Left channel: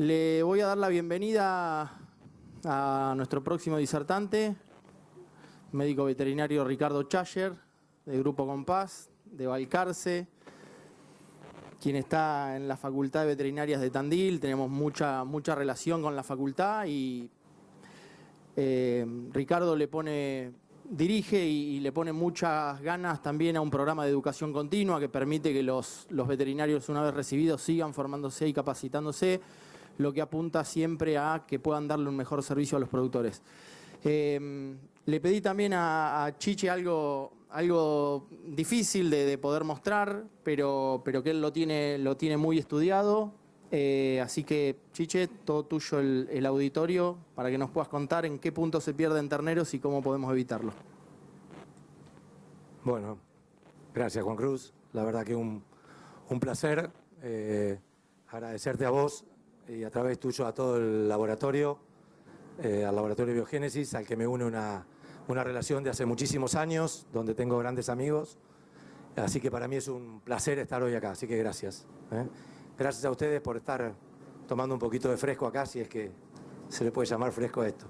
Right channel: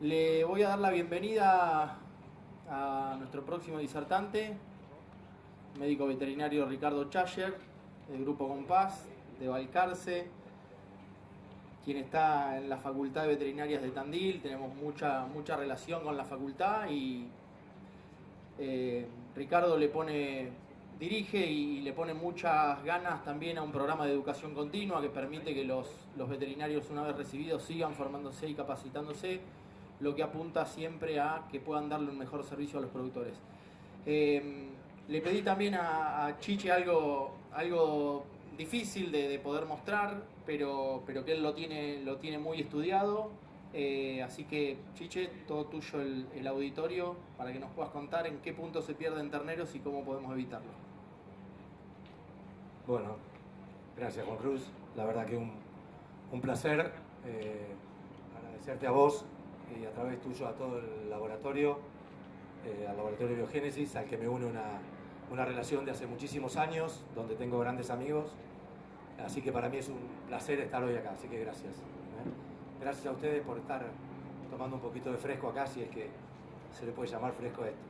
Le voy a dar la bienvenida a nuestro próximo disertante, médico veterinario Ricardo Chayer, del Grupo Compás, de Balcarce, quien está en la Facultad de Veterinarias de Tandil. Tenemos mucha relación con la facultad y Ricardo dirige y le pone muchas ganas también a un programa de educación continua que permite que los veterinarios, una vez recibidos, sigan formándose y capacitándose, lo que apunta siempre a que puedan darle un mejor servicio a los productores. Le pedí también a Chiche algo difícil de poder mostrar, pero que él lo tiene muy estudiado. Así que, Chiche, todo tuyo el auditorio para que nos puedas contar en qué punto se pierden terneros y cómo podemos evitarlo. Bueno, gracias Juan Cruz. La verdad que un placer agradecerte a vos y a través tuyo a todo el laboratorio, al laboratorio de Biogénesis, al que me une una relación de hace muchísimos años, donde tengo grandes amigos. Así que para mí es un placer estar hoy acá, así que gracias. Gracias a ustedes por estar tomando un poquito de fresco acá, si es que se le puede llamar fresco a esto.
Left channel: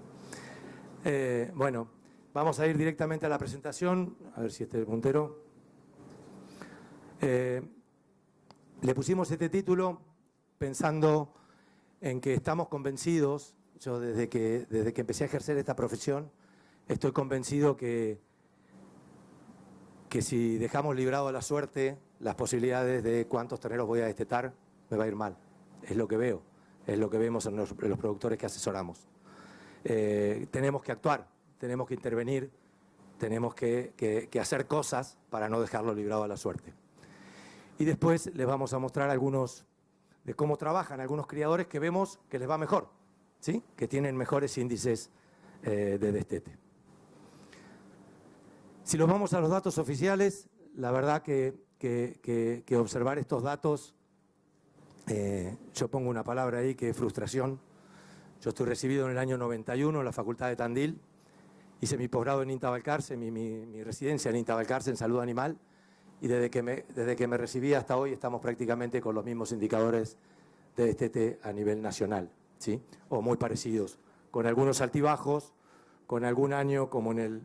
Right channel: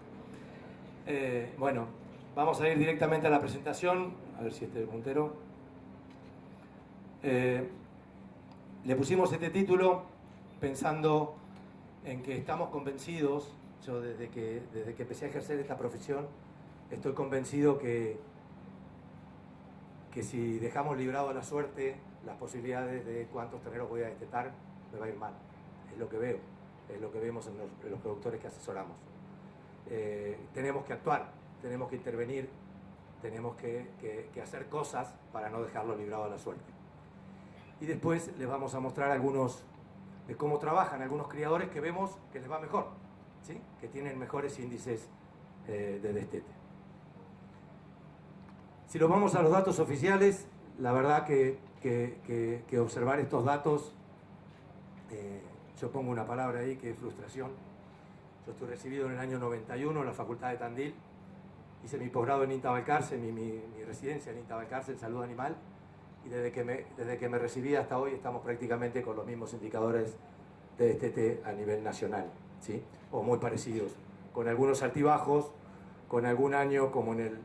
Bueno, vamos a ir directamente a la presentación, a ver si este puntero. Le pusimos este título pensando en que estamos convencidos, yo desde que empecé a ejercer esta profesión, estoy convencido que si dejamos librado a la suerte las posibilidades de cuántos terneros voy a destetar, me va a ir mal. Es lo que veo, es lo que vemos en los productores que asesoramos. Tenemos que actuar, tenemos que intervenir, tenemos que hacer cosas para no dejarlo librado a la suerte. Y después les vamos a mostrar algunos de cómo trabajan algunos criadores que vemos que les va mejor, ¿sí? Que tienen mejores índices de destete. Si nos vamos a los datos oficiales, la verdad que observar estos datos, yo pongo una palabra ahí que es frustración. Yo estoy recibido en el año 91 en la Facultad de Tandil, hice mi posgrado en INTA Balcarce, mi residencia en INTA Balcarce en salud animal, y desde que me recibí hasta hoy estamos prácticamente con los mismos indicadores de destete a nivel nacional, ¿sí? O muy parecidos, con algunos altibajos, con algún año como en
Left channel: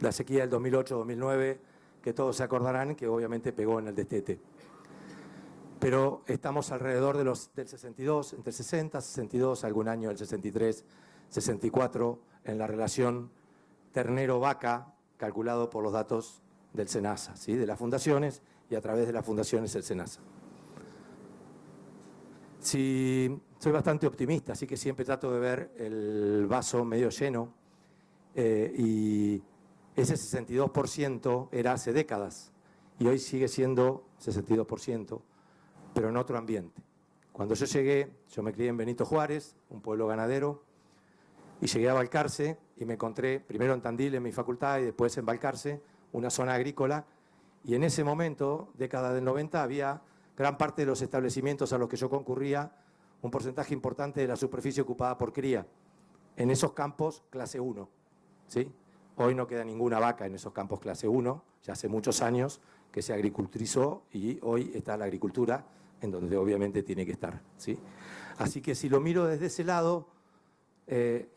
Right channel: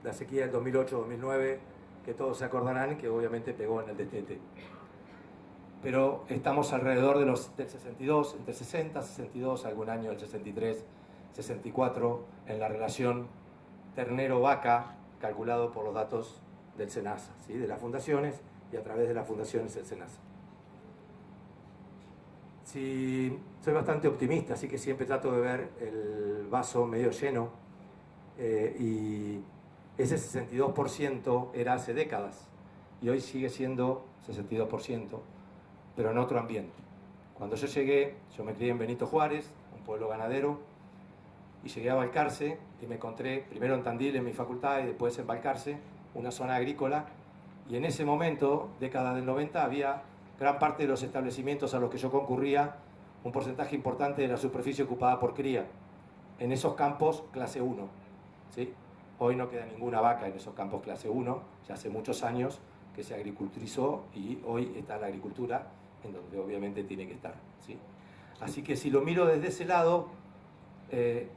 la sequía del 2008-2009, que todos se acordarán que obviamente pegó en el destete. Pero estamos alrededor del 62, entre 60, 62, algún año el 63, 64, en la relación ternero-vaca, calculado por los datos del SENASA, ¿sí? De las fundaciones y a través de las fundaciones el SENASA. Sí, soy bastante optimista, así que siempre trato de ver el vaso medio lleno, y ese 62% era hace décadas y hoy sigue siendo 62%, pero en otro ambiente. Cuando yo llegué, yo me crié en Benito Juárez, un pueblo ganadero, y llegué a Balcarce y me encontré primero en Tandil en mi facultad y después en Balcarce, una zona agrícola, y en ese momento, década del 90, había gran parte de los establecimientos a los que yo concurría, un porcentaje importante de la superficie ocupada por cría, en esos campos clase 1, ¿sí? Hoy no queda ninguna vaca en esos campos clase 1, ya hace muchos años que se agriculturizó y hoy está la agricultura en donde obviamente tiene que estar, ¿sí? Así que si lo miro desde ese lado,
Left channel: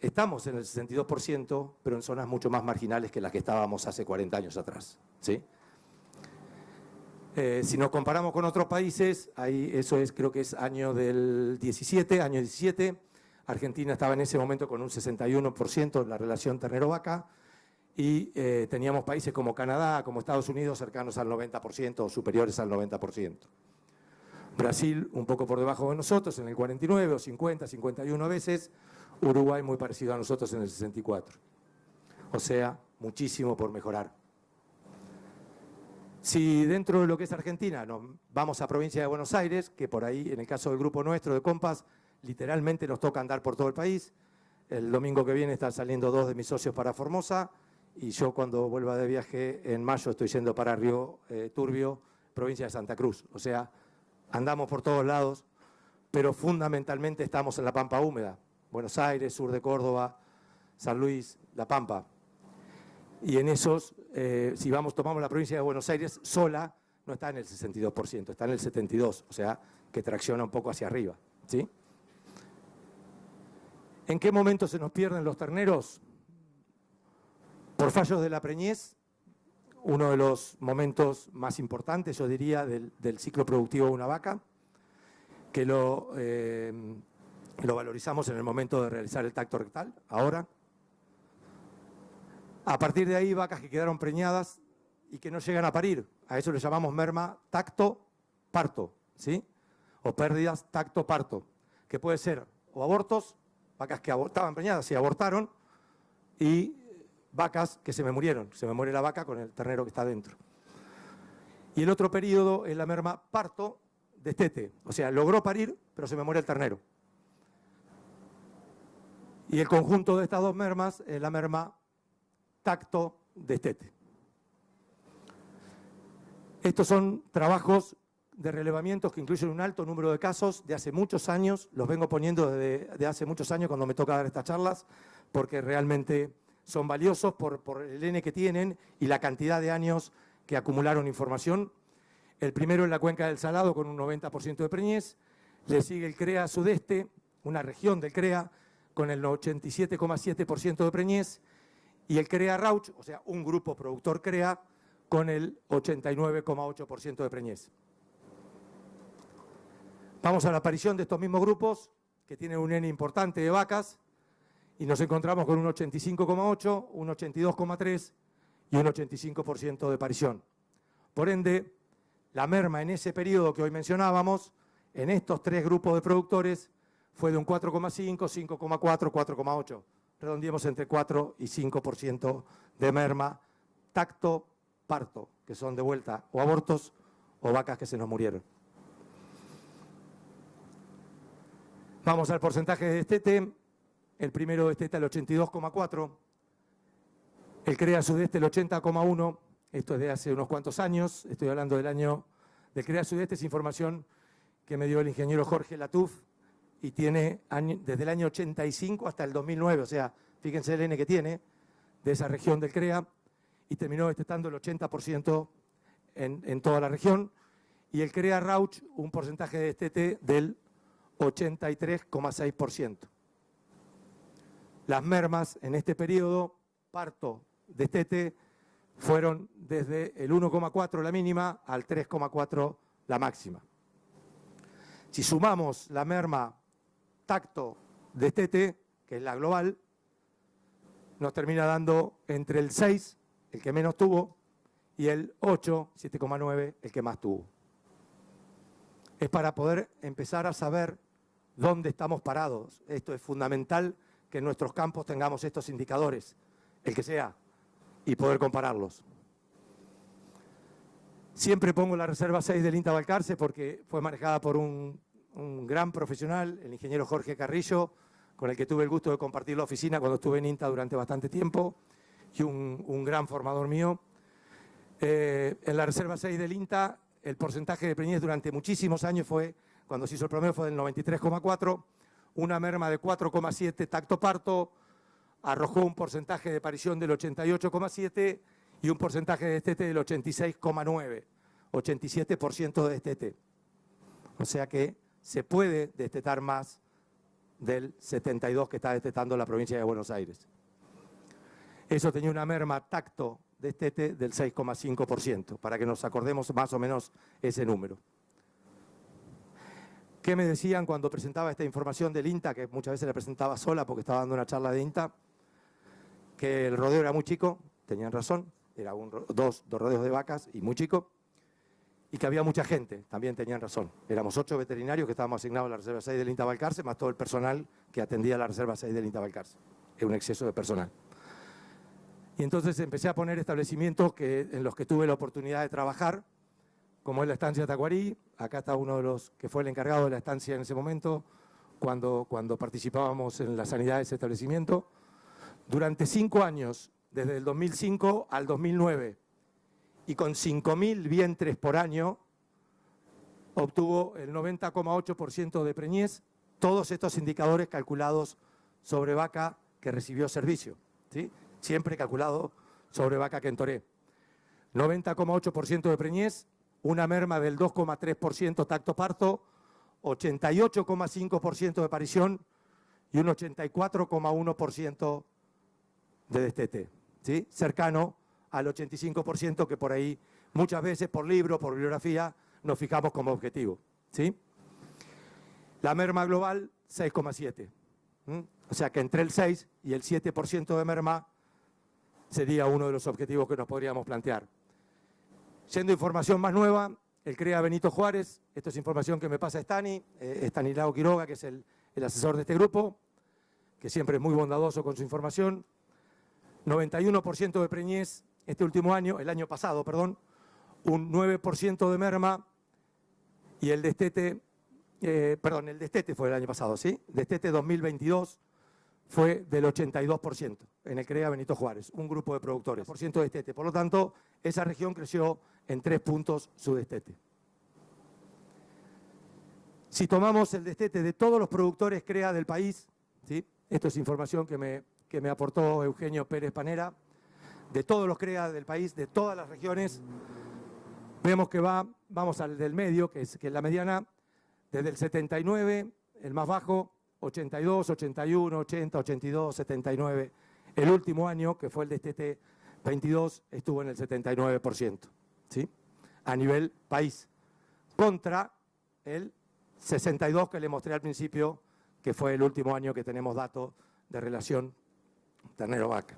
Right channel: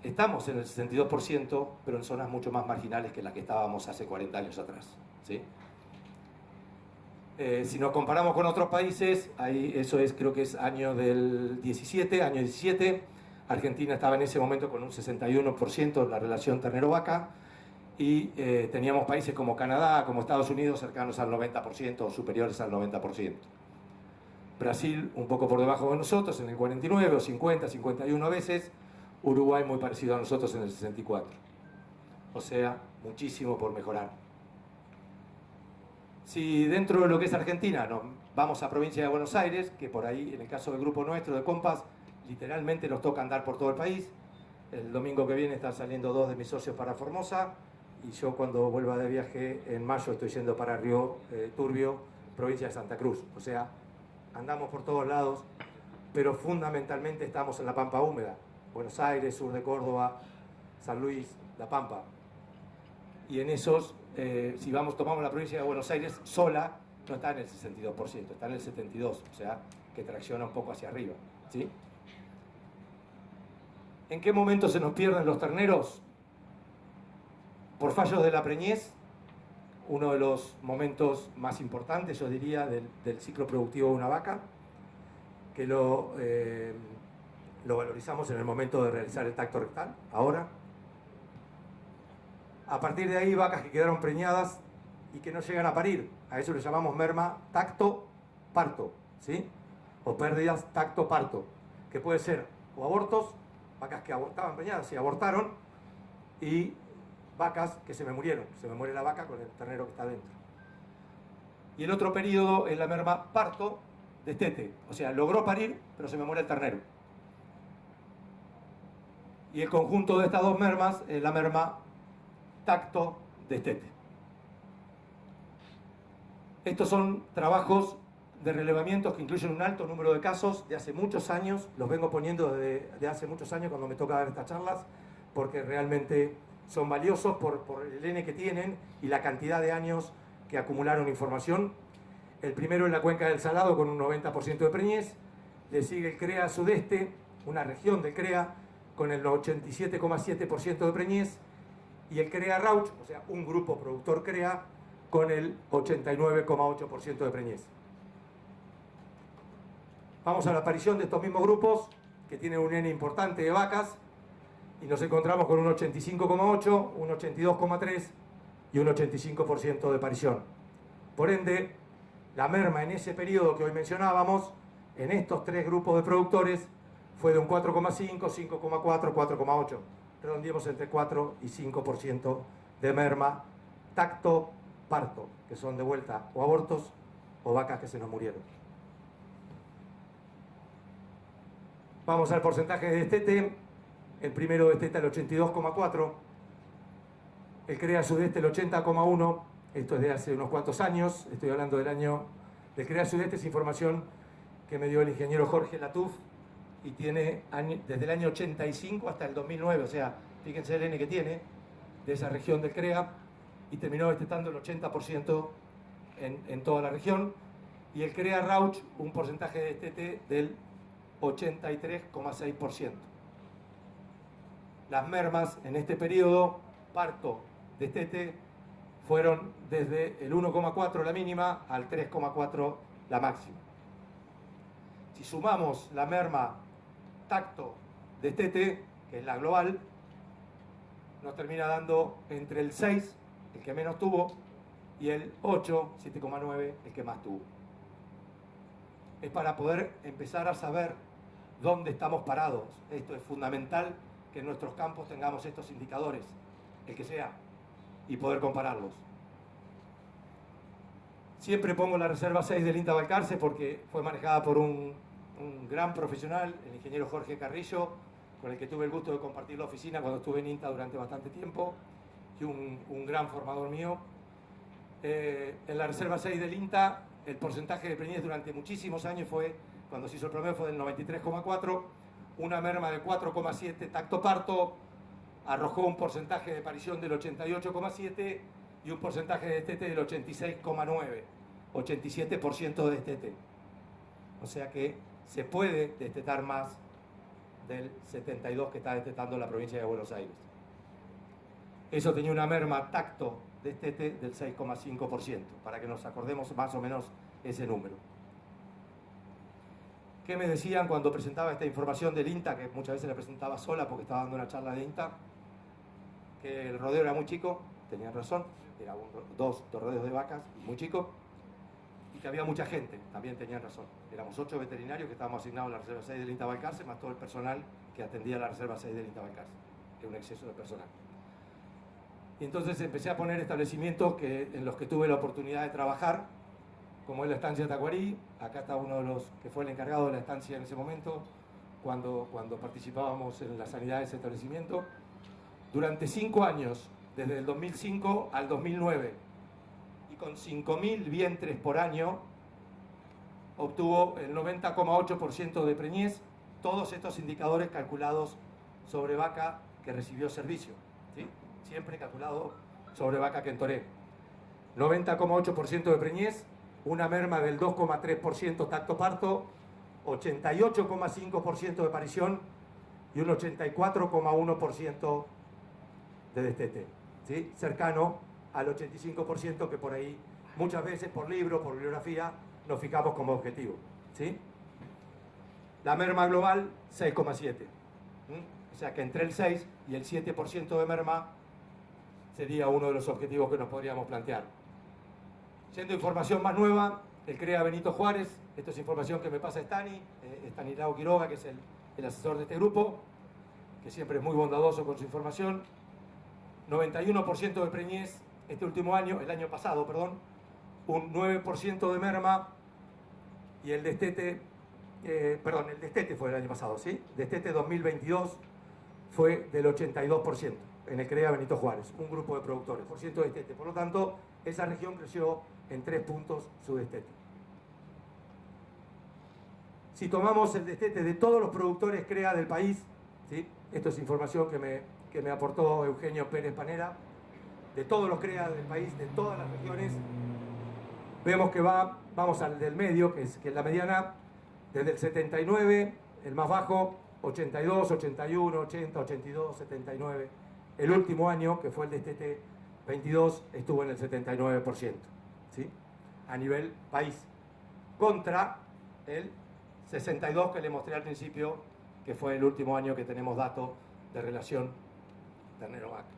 estamos en el 62%, pero en zonas mucho más marginales que las que estábamos hace 40 años atrás, ¿sí? Si nos comparamos con otros países, ahí eso es, creo que es año 17, Argentina estaba en ese momento con un 61% la relación ternero-vaca, y teníamos países como Canadá, como Estados Unidos, cercanos al 90% o superiores al 90%. Brasil un poco por debajo de nosotros, en el 49 o 50, 51 veces. Uruguay muy parecido a nosotros en el 64. O sea, muchísimo por mejorar. Si dentro de lo que es Argentina nos vamos a provincia de Buenos Aires, que por ahí, en el caso del grupo nuestro de Compass, literalmente nos toca andar por todo el país. El domingo que viene están saliendo 2 de mis socios para Formosa, y yo cuando vuelva de viaje en mayo estoy yendo para Río Turbio, provincia de Santa Cruz. O sea, andamos por todos lados, pero fundamentalmente estamos en la Pampa húmeda. Buenos Aires, sur de Córdoba, San Luis, La Pampa. Y en esos, si tomamos la provincia de Buenos Aires sola, no está en el 62%, está en el 72%, o sea, que tracciona un poco hacia arriba, ¿sí? ¿En qué momento se nos pierden los terneros? Por fallos de la preñez, uno de los momentos más importantes, yo diría, del ciclo productivo de una vaca, que lo valorizamos en el momento de realizar el tacto rectal, ahora. A partir de ahí, vacas que quedaron preñadas y que no llegan a parir, a eso le llamamos merma tacto-parto, ¿sí? O pérdidas tacto-parto, que puede ser o abortos, vacas que estaban preñadas y abortaron, y vacas que se me murieron, se me muere la vaca con el ternero que está dentro. Y el otro periodo es la merma parto destete, o sea, logró parir, pero se me muere el ternero. Y el conjunto de estas dos mermas es la merma tacto destete. Estos son trabajos de relevamientos que incluyen un alto número de casos de hace muchos años, los vengo poniendo de hace muchos años cuando me toca dar estas charlas, porque realmente son valiosos por el N que tienen y la cantidad de años que acumularon información. El primero en la cuenca del Salado con un 90% de preñez, le sigue el CREA Sudeste, una región del CREA con el 87,7% de preñez, y el CREA Rauch, o sea, un grupo productor CREA, con el 89,8% de preñez. Vamos a la aparición de estos mismos grupos, que tienen un N importante de vacas, y nos encontramos con un 85,8, un 82,3 y un 85% de parición. Por ende, la merma en ese periodo que hoy mencionábamos, en estos tres grupos de productores, fue de un 4,5, 5,4, 4,8. Redondeemos entre 4 y 5% de merma tacto-parto, que son de vuelta o abortos o vacas que se nos murieron. Vamos al porcentaje de destete. El primero desteta el 82,4, el CREA Sudeste el 80,1, esto es de hace unos cuantos años, estoy hablando del año del CREA Sudeste, es información que me dio el ingeniero Jorge Latuf y tiene desde el año 85 hasta el 2009, o sea, fíjense el N que tiene de esa región del CREA, y terminó destetando el 80% en toda la región, y el CREA Rauch un porcentaje de destete del 83,6%. Las mermas en este periodo, parto, destete, fueron desde el 1,4 la mínima al 3,4 la máxima. Si sumamos la merma tacto, destete, que es la global, nos termina dando entre el 6, el que menos tuvo, y el 8, 7,9, el que más tuvo. Es para poder empezar a saber dónde estamos parados. Esto es fundamental, que en nuestros campos tengamos estos indicadores, el que sea, y poder compararlos. Siempre pongo la reserva 6 del INTA Balcarce porque fue manejada por un gran profesional, el ingeniero Jorge Carrillo, con el que tuve el gusto de compartir la oficina cuando estuve en INTA durante bastante tiempo, y un gran formador mío. En la reserva 6 del INTA, el porcentaje de preñez durante muchísimos años fue, cuando se hizo el promedio, fue del 93,4%, una merma de 4,7 tacto-parto, arrojó un porcentaje de parición del 88,7 y un porcentaje de destete del 86,9, 87% de destete. O sea que se puede destetar más del 72 que está destetando la provincia de Buenos Aires. Eso tenía una merma tacto-destete del 6,5%, para que nos acordemos más o menos ese número. ¿Qué me decían cuando presentaba esta información del INTA, que muchas veces la presentaba sola porque estaba dando una charla de INTA? Que el rodeo era muy chico, tenían razón, era dos rodeos de vacas y muy chico, y que había mucha gente, también tenían razón. Éramos 8 veterinarios que estábamos asignados a la Reserva 6 del INTA Balcarce, más todo el personal que atendía a la Reserva 6 del INTA Balcarce. Era un exceso de personal. Y entonces empecé a poner establecimientos en los que tuve la oportunidad de trabajar, como es la estancia Tacuarí. Acá está uno de los que fue el encargado de la estancia en ese momento, cuando participábamos en la sanidad de ese establecimiento. Durante 5 años, desde el 2005 al 2009, y con 5.000 vientres por año, obtuvo el 90,8% de preñez, todos estos indicadores calculados sobre vaca que recibió servicio, ¿sí? Siempre calculado sobre vaca que entoré. 90,8% de preñez, una merma del 2,3% tacto-parto, 88,5% de parición y un 84,1% de destete, ¿sí? Cercano al 85% que por ahí muchas veces por libro, por bibliografía, nos fijamos como objetivo, ¿sí? La merma global, 6,7. O sea que entre el 6 y el 7% de merma sería uno de los objetivos que nos podríamos plantear. Yendo a información más nueva, el CREA Benito Juárez, esto es información que me pasa Estanislao Quiroga, que es el asesor de este grupo, que siempre es muy bondadoso con su información. 91% de preñez este último año, el año pasado, perdón, un 9% de merma, y el destete, el destete fue el año pasado, ¿sí? Destete 2022 fue del 82% en el CREA Benito Juárez, un grupo de productores, por ciento de destete. Por lo tanto, esa región creció en 3 puntos su destete. Si tomamos el destete de todos los productores CREA del país, ¿sí? Esto es información que me aportó Eugenio Pérez Panera, de todos los CREA del país, de todas las regiones, vemos que vamos al del medio, que es la mediana, desde el 79, el más bajo, 82, 81, 80, 82, 79. El último año, que fue el destete 22, estuvo en el 79%, ¿sí? A nivel país, contra el 62 que le mostré al principio, que fue el último año que tenemos datos de relación ternero-vaca.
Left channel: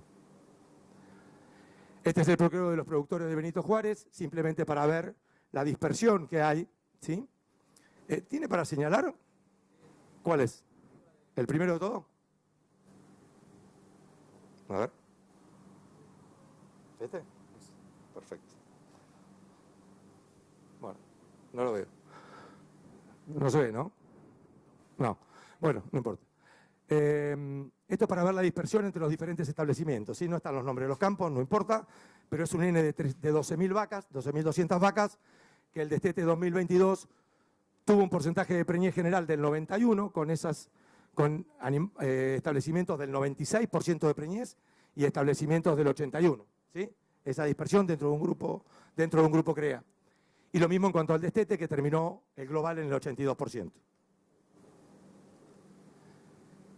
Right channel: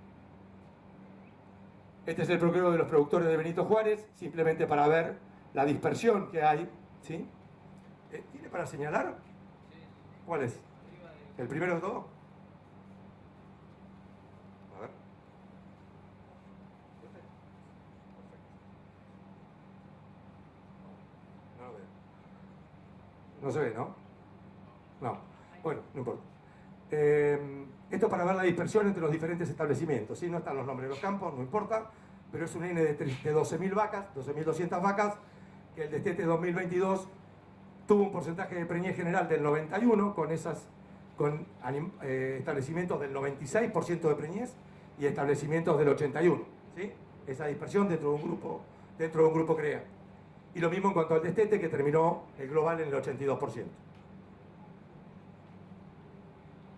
Este es el procreo de los productores de Benito Juárez, simplemente para ver la dispersión que hay, ¿sí? ¿Tiene para señalar? ¿Cuál es? ¿El primero de todo? A ver. ¿Este? Perfecto. Bueno, no lo veo. No se ve, ¿no? No. Bueno, no importa. Esto para ver la dispersión entre los diferentes establecimientos. ¿Sí? No están los nombres de los campos, no importa, pero es un N de 12.000 vacas, 12.200 vacas, que el destete 2022 tuvo un porcentaje de preñez general del 91, con establecimientos del 96% de preñez y establecimientos del 81%. ¿Sí? Esa dispersión dentro de un grupo CREA. Y lo mismo en cuanto al destete, que terminó el global en el 82%.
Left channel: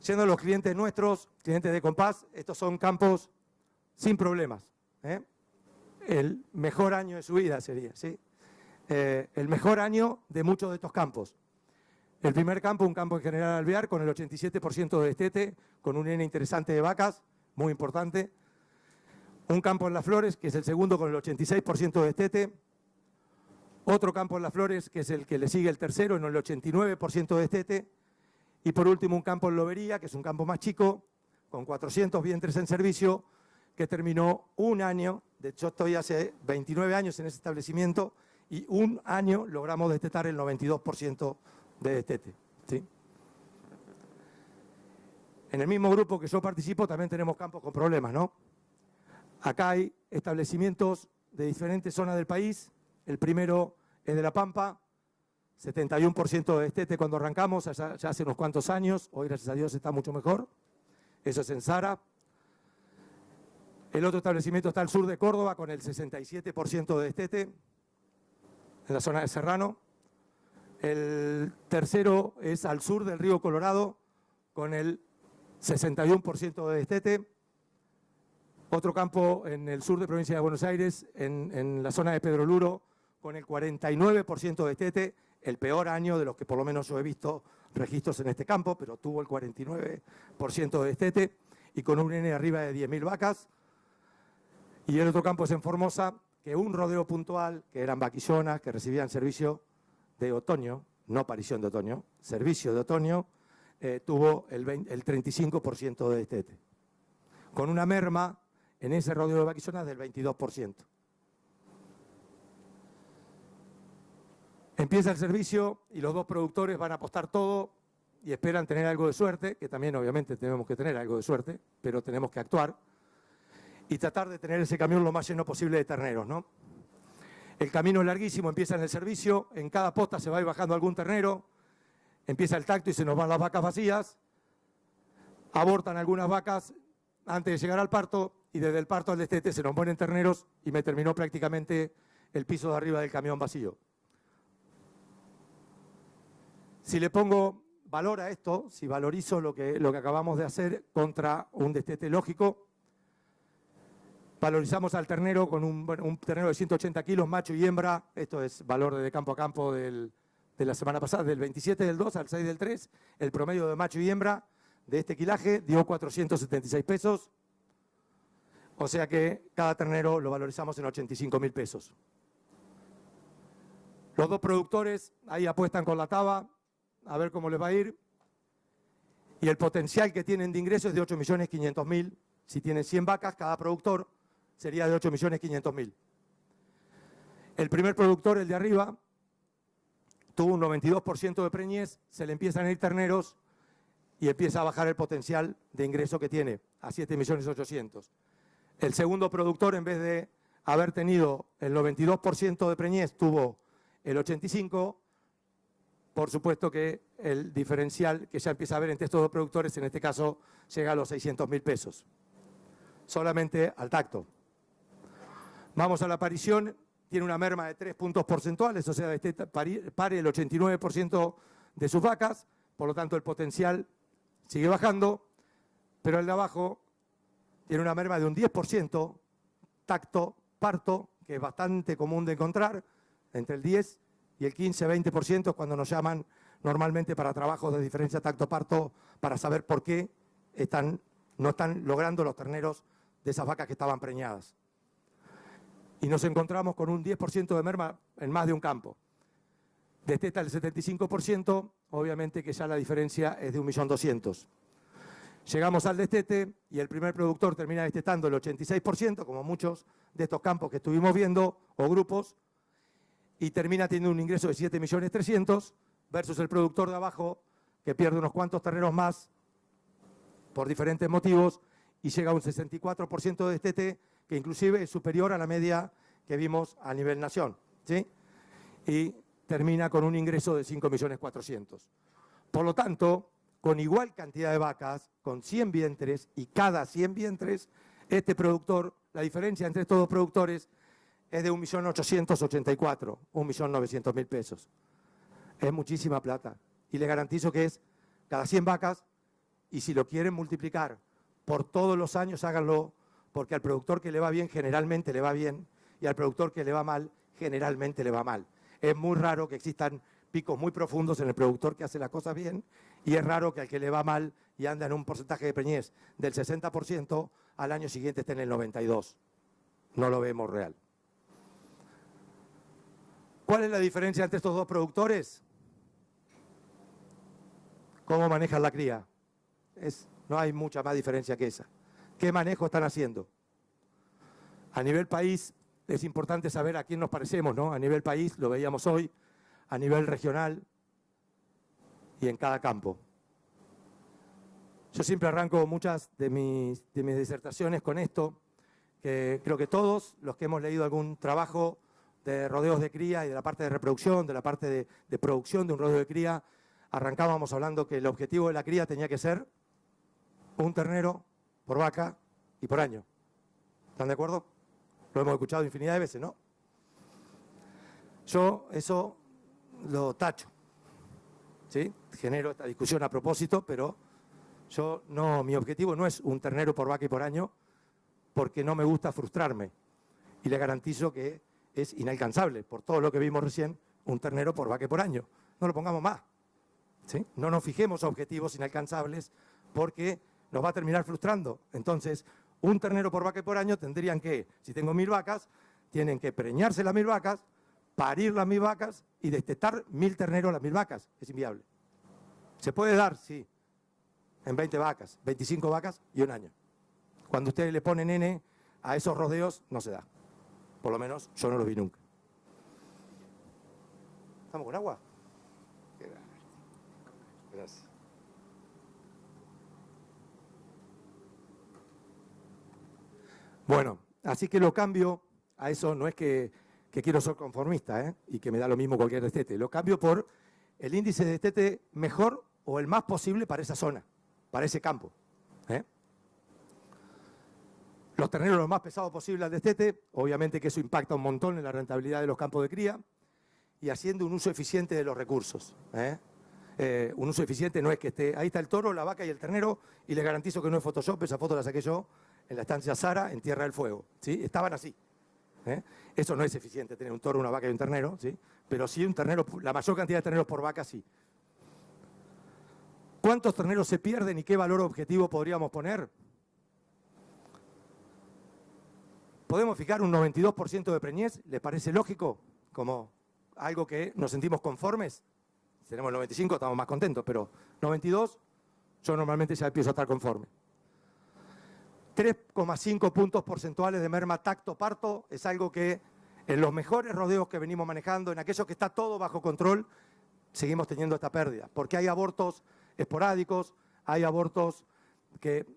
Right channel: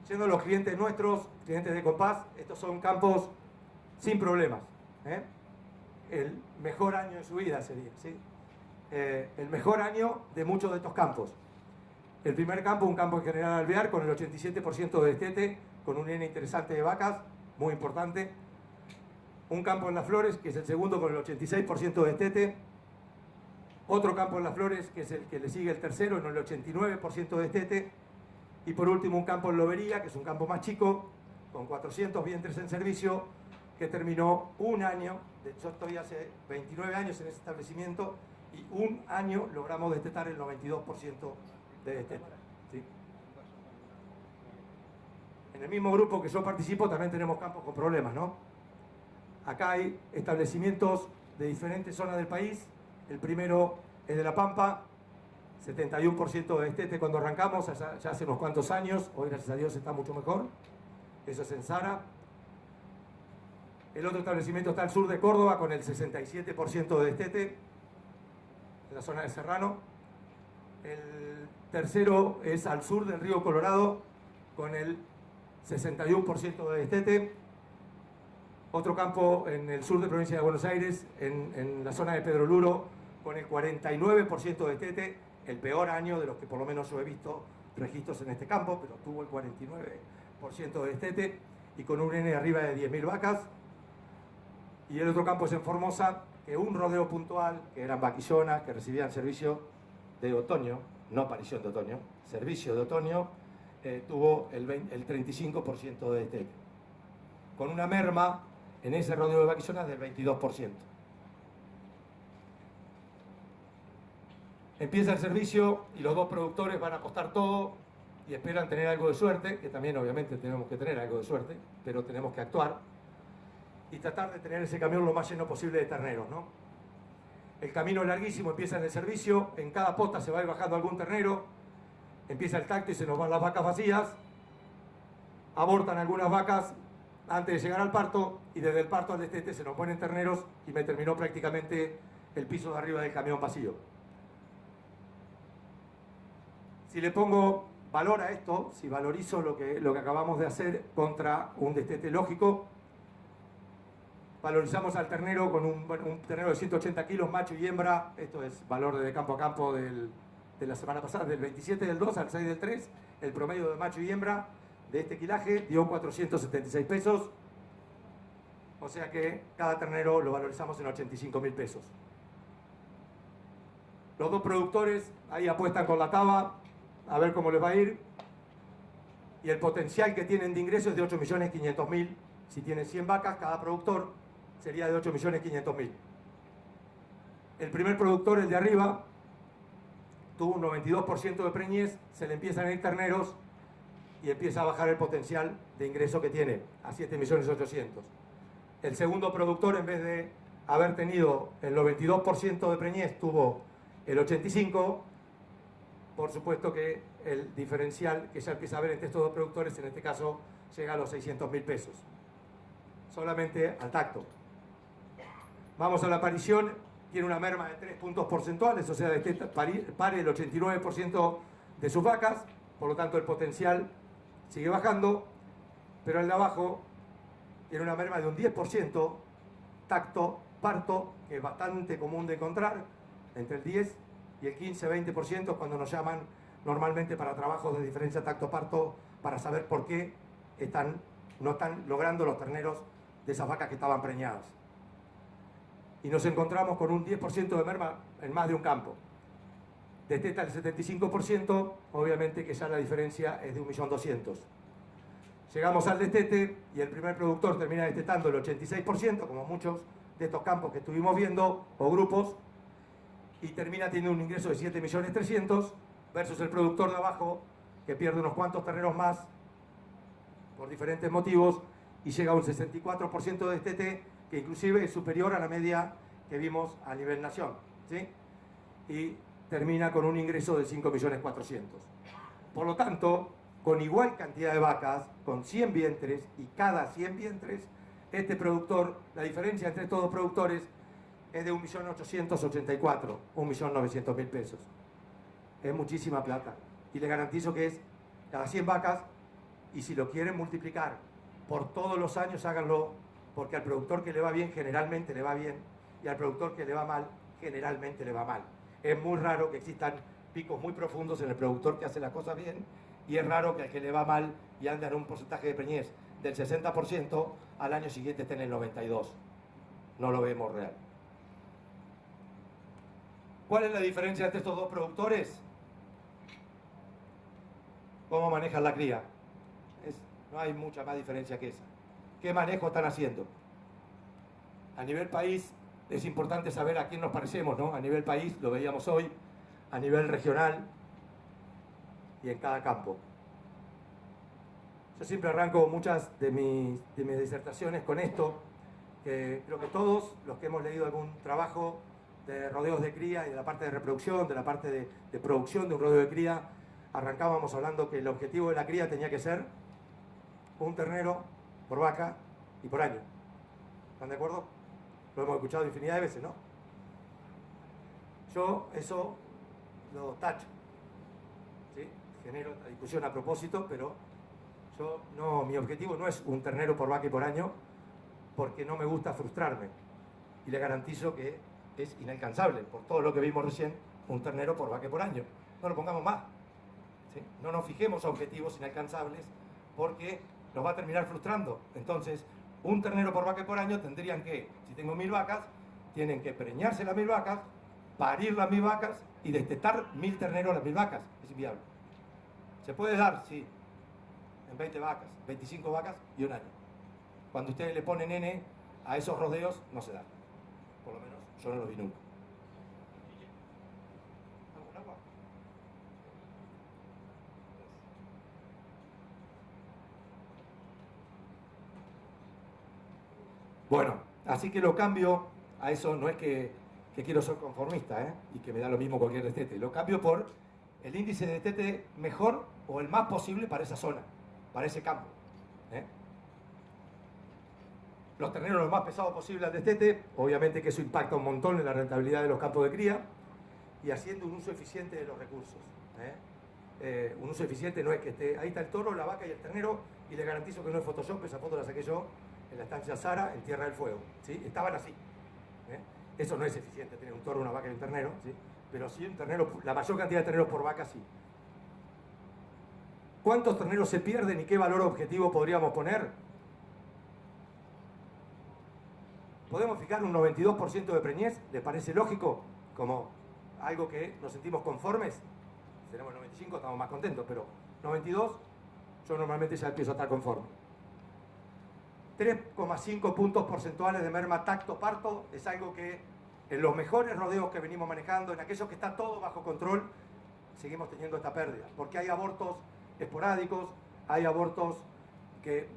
Yendo a los clientes nuestros, clientes de Compass, estos son campos sin problemas, ¿eh? El mejor año de su vida sería, ¿sí? El mejor año de muchos de estos campos. El primer campo, un campo en General Alvear, con el 87% de destete, con un N interesante de vacas, muy importante. Un campo en Las Flores, que es el segundo, con el 86% de destete. Otro campo en Las Flores, que es el que le sigue el tercero, en el 89% de destete. Y por último, un campo en Lobería, que es un campo más chico, con 400 vientres en servicio, que terminó un año. De hecho, estoy hace 29 años en ese establecimiento, y un año logramos destetar el 92% de destete, ¿sí? En el mismo grupo que yo participo también tenemos campos con problemas, ¿no? Acá hay establecimientos de diferentes zonas del país. El primero es de La Pampa, 71% de destete cuando arrancamos, ya hace unos cuantos años. Hoy, gracias a Dios, está mucho mejor. Eso es en Zara. El otro establecimiento está al sur de Córdoba, con el 67% de destete, en la zona de Serrano. El tercero es al sur del río Colorado, con el 61% de destete. Otro campo en el sur de provincia de Buenos Aires, en la zona de Pedro Luro, con el 49% de destete, el peor año de los que por lo menos yo he visto registros en este campo, pero tuvo el 49% de destete y con un N arriba de 10.000 vacas. Y el otro campo es en Formosa, que un rodeo puntual, que eran vaquillonas, que recibían servicio de otoño, no aparición de otoño, servicio de otoño, tuvo el 35% de destete, con una merma en ese rodeo de vaquillonas del 22%. Empieza el servicio y los dos productores van a apostar todo y esperan tener algo de suerte, que también obviamente tenemos que tener algo de suerte, pero tenemos que actuar y tratar de tener ese camión lo más lleno posible de terneros, ¿no? El camino es larguísimo, empieza en el servicio, en cada pota se va a ir bajando algún ternero, empieza el tacto y se nos van las vacas vacías, abortan algunas vacas antes de llegar al parto, y desde el parto al destete se nos ponen terneros y me terminó prácticamente el piso de arriba del camión vacío. Si le pongo valora esto, si valorizo lo que acabamos de hacer contra un destete lógico, valorizamos al ternero con un ternero de 180 kilos, macho y hembra. Esto es valor de campo a campo de la semana pasada, del 27 del 2 al 6 del 3. El promedio de macho y hembra de este quilaje dio 476 pesos. O sea que cada ternero lo valorizamos en 85.000 pesos. Los dos productores ahí apuestan con la taba a ver cómo les va a ir. Y el potencial que tienen de ingresos es de 8.500.000. Si tienen 100 vacas, cada productor sería de 8.500.000. El primer productor, el de arriba, tuvo un 92% de preñez, se le empiezan a ir terneros y empieza a bajar el potencial de ingreso que tiene a 7.800.000. El segundo productor, en vez de haber tenido el 92% de preñez, tuvo el 85%. Por supuesto que el diferencial que ya empieza a haber entre estos dos productores, en este caso, llega a los 600.000 pesos. Solamente al tacto. Vamos a la parición, tiene una merma de 3 puntos porcentuales, o sea, pare el 89% de sus vacas, por lo tanto el potencial sigue bajando, pero el de abajo tiene una merma de un 10%, tacto, parto, que es bastante común de encontrar, entre el 10 y el 15-20% cuando nos llaman normalmente para trabajos de diferencia tacto-parto para saber por qué no están logrando los terneros de esas vacas que estaban preñadas. Y nos encontramos con un 10% de merma en más de un campo. Desteta el 75%, obviamente que ya la diferencia es de 1.200.000. Llegamos al destete y el primer productor termina destetando el 86%, como muchos de estos campos que estuvimos viendo, o grupos, y termina teniendo un ingreso de 7.300.000 versus el productor de abajo que pierde unos cuantos terneros más por diferentes motivos y llega a un 64% de destete, que inclusive es superior a la media que vimos a nivel nación, ¿sí? Y termina con un ingreso de 5.400.000. Por lo tanto, con igual cantidad de vacas, con 100 vientres, y cada 100 vientres, este productor, la diferencia entre estos dos productores es de 1.884.000, 1.900.000 pesos. Es muchísima plata. Y le garantizo que es cada 100 vacas, y si lo quieren multiplicar por todos los años, háganlo, porque al productor que le va bien, generalmente le va bien, y al productor que le va mal, generalmente le va mal. Es muy raro que existan picos muy profundos en el productor que hace las cosas bien, y es raro que al que le va mal y anda en un porcentaje de preñez del 60%, al año siguiente esté en el 92%. No lo vemos real. ¿Cuál es la diferencia entre estos dos productores? ¿Cómo manejan la cría? No hay mucha más diferencia que esa. ¿Qué manejo están haciendo? A nivel país es importante saber a quién nos parecemos, ¿no? A nivel país, lo veíamos hoy, a nivel regional y en cada campo. Yo siempre arranco muchas de mis disertaciones con esto, que creo que todos los que hemos leído algún trabajo de rodeos de cría y de la parte de reproducción, de la parte de producción de un rodeo de cría, arrancábamos hablando que el objetivo de la cría tenía que ser un ternero por vaca y por año. ¿Están de acuerdo? Lo hemos escuchado infinidad de veces, ¿no? Yo eso lo tacho, ¿sí? Genero esta discusión a propósito, pero mi objetivo no es un ternero por vaca y por año, porque no me gusta frustrarme. Y le garantizo que es inalcanzable, por todo lo que vimos recién, un ternero por vaca y por año. No lo pongamos más, ¿sí? No nos fijemos objetivos inalcanzables, porque nos va a terminar frustrando. Entonces, un ternero por vaca y por año tendrían que, si tengo 1.000 vacas, tienen que preñarse las 1.000 vacas, parir las 1.000 vacas y destetar 1.000 terneros las 1.000 vacas. Es inviable. ¿Se puede dar? Sí. En 20 vacas, 25 vacas y un año. Cuando ustedes le ponen N a esos rodeos, no se da. Por lo menos yo no lo vi nunca. ¿Estamos con agua? Gracias. Bueno, así que lo cambio a eso, no es que quiero ser conformista, y que me da lo mismo cualquier destete. Lo cambio por el índice de destete mejor o el más posible para esa zona, para ese campo. Los terneros lo más pesados posible al destete, obviamente que eso impacta un montón en la rentabilidad de los campos de cría y haciendo un uso eficiente de los recursos. Un uso eficiente no es que esté, ahí está el toro, la vaca y el ternero, y les garantizo que no es Photoshop, esa foto la saqué yo en la estancia Sara, en Tierra del Fuego, ¿sí? Estaban así. Eso no es eficiente, tener un toro, una vaca y un ternero, ¿sí? Pero sí un ternero, la mayor cantidad de terneros por vaca, sí. ¿Cuántos terneros se pierden y qué valor objetivo podríamos poner? ¿Podemos fijar un 92% de preñez? ¿Les parece lógico? Como algo que nos sentimos conformes. Si tenemos el 95 estamos más contentos, pero 92 yo normalmente ya empiezo a estar conforme. 3,5 puntos porcentuales de merma tacto-parto es algo que en los mejores rodeos que venimos manejando, en aquellos que está todo bajo control, seguimos teniendo esta pérdida. Porque hay abortos esporádicos, hay abortos que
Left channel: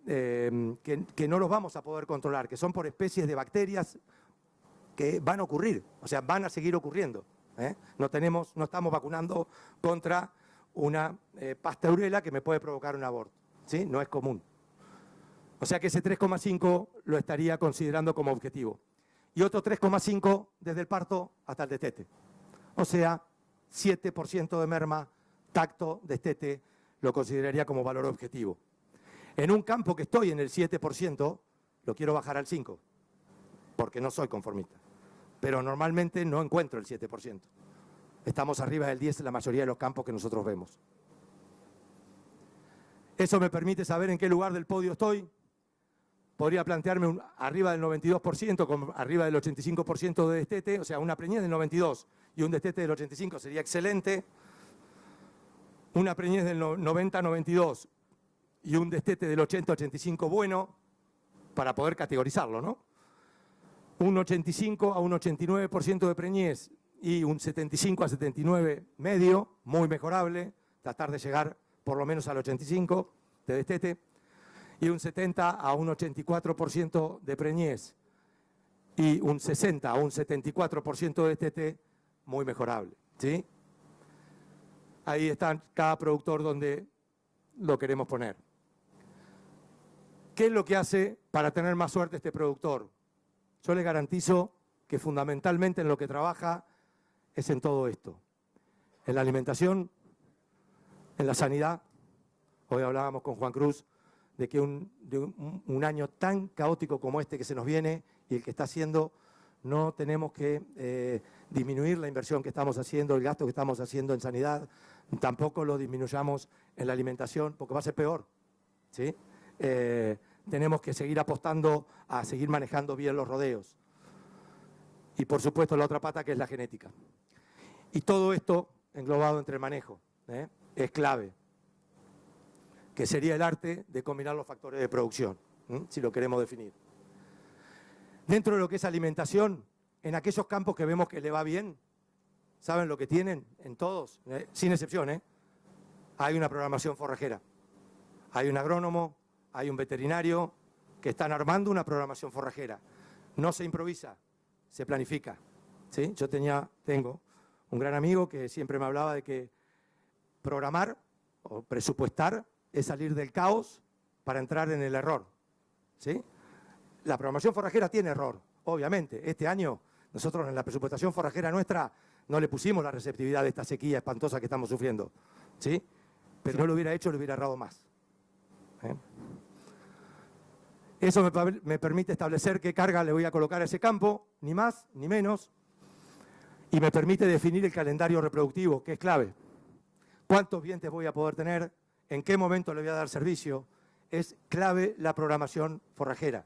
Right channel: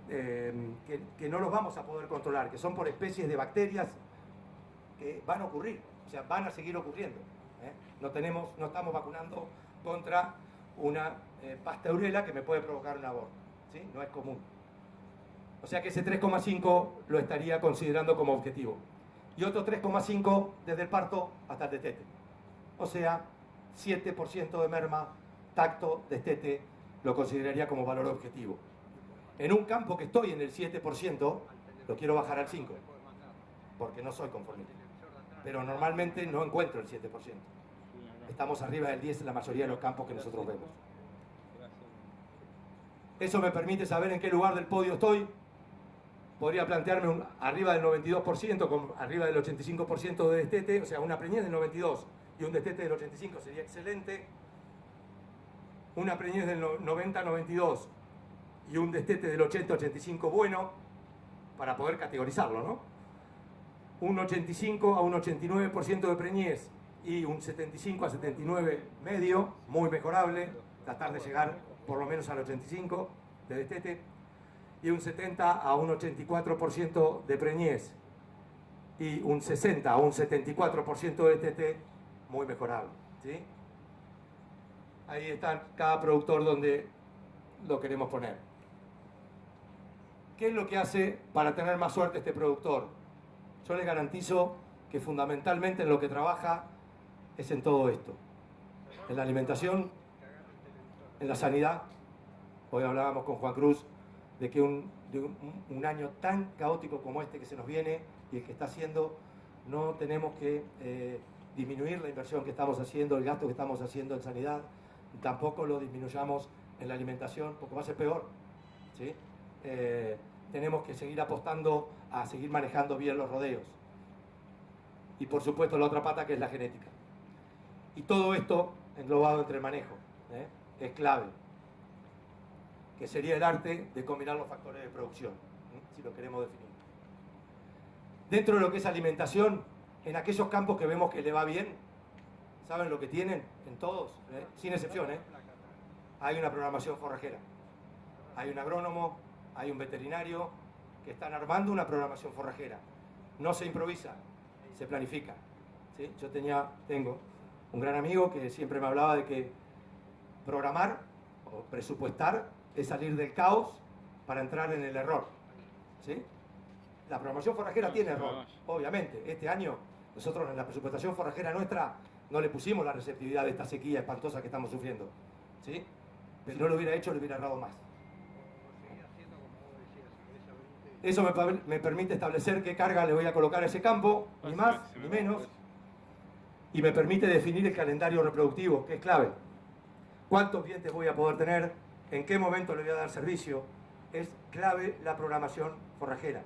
no los vamos a poder controlar, que son por especies de bacterias que van a ocurrir, o sea, van a seguir ocurriendo. No estamos vacunando contra una pasteurela que me puede provocar un aborto, ¿sí? No es común. O sea que ese 3,5 lo estaría considerando como objetivo. Y otro 3,5 desde el parto hasta el destete. O sea, 7% de merma, tacto, destete, lo consideraría como valor objetivo. En un campo que estoy en el 7%, lo quiero bajar al 5%, porque no soy conformista. Pero normalmente no encuentro el 7%. Estamos arriba del 10% en la mayoría de los campos que nosotros vemos. Eso me permite saber en qué lugar del podio estoy. Podría plantearme arriba del 92%, con arriba del 85% de destete, o sea, una preñez del 92% y un destete del 85% sería excelente. Una preñez del 90-92% y un destete del 80-85% bueno, para poder categorizarlo, ¿no? Un 85 a un 89% de preñez y un 75 a 79 medio, muy mejorable, tratar de llegar por lo menos al 85 de destete, y un 70 a un 84% de preñez y un 60 a un 74% de destete, muy mejorable, ¿sí? Ahí está cada productor donde lo queremos poner. ¿Qué es lo que hace para tener más suerte este productor? Yo le garantizo que fundamentalmente en lo que trabaja es en todo esto. En la alimentación, en la sanidad. Hoy hablábamos con Juan Cruz de que un año tan caótico como este que se nos viene y el que está haciendo, no tenemos que disminuir la inversión que estamos haciendo, el gasto que estamos haciendo en sanidad, tampoco lo disminuyamos en la alimentación, porque va a ser peor, ¿sí? Tenemos que seguir apostando a seguir manejando bien los rodeos. Y por supuesto la otra pata, que es la genética. Y todo esto englobado entre el manejo, es clave, que sería el arte de combinar los factores de producción, si lo queremos definir. Dentro de lo que es alimentación, en aquellos campos que vemos que le va bien, ¿saben lo que tienen? En todos, sin excepción, hay una programación forrajera. Hay un agrónomo, hay un veterinario que están armando una programación forrajera. No se improvisa, se planifica, ¿sí? Yo tengo un gran amigo que siempre me hablaba de que programar o presupuestar es salir del caos para entrar en el error, ¿sí? La programación forrajera tiene error, obviamente. Este año nosotros en la presupuestación forrajera nuestra no le pusimos la receptividad de esta sequía espantosa que estamos sufriendo, ¿sí? Pero si no lo hubiera hecho, le hubiera errado más. Eso me permite establecer qué carga le voy a colocar a ese campo, ni más ni menos, y me permite definir el calendario reproductivo, que es clave. ¿Cuántos dientes voy a poder tener? ¿En qué momento le voy a dar servicio? Es clave la programación forrajera.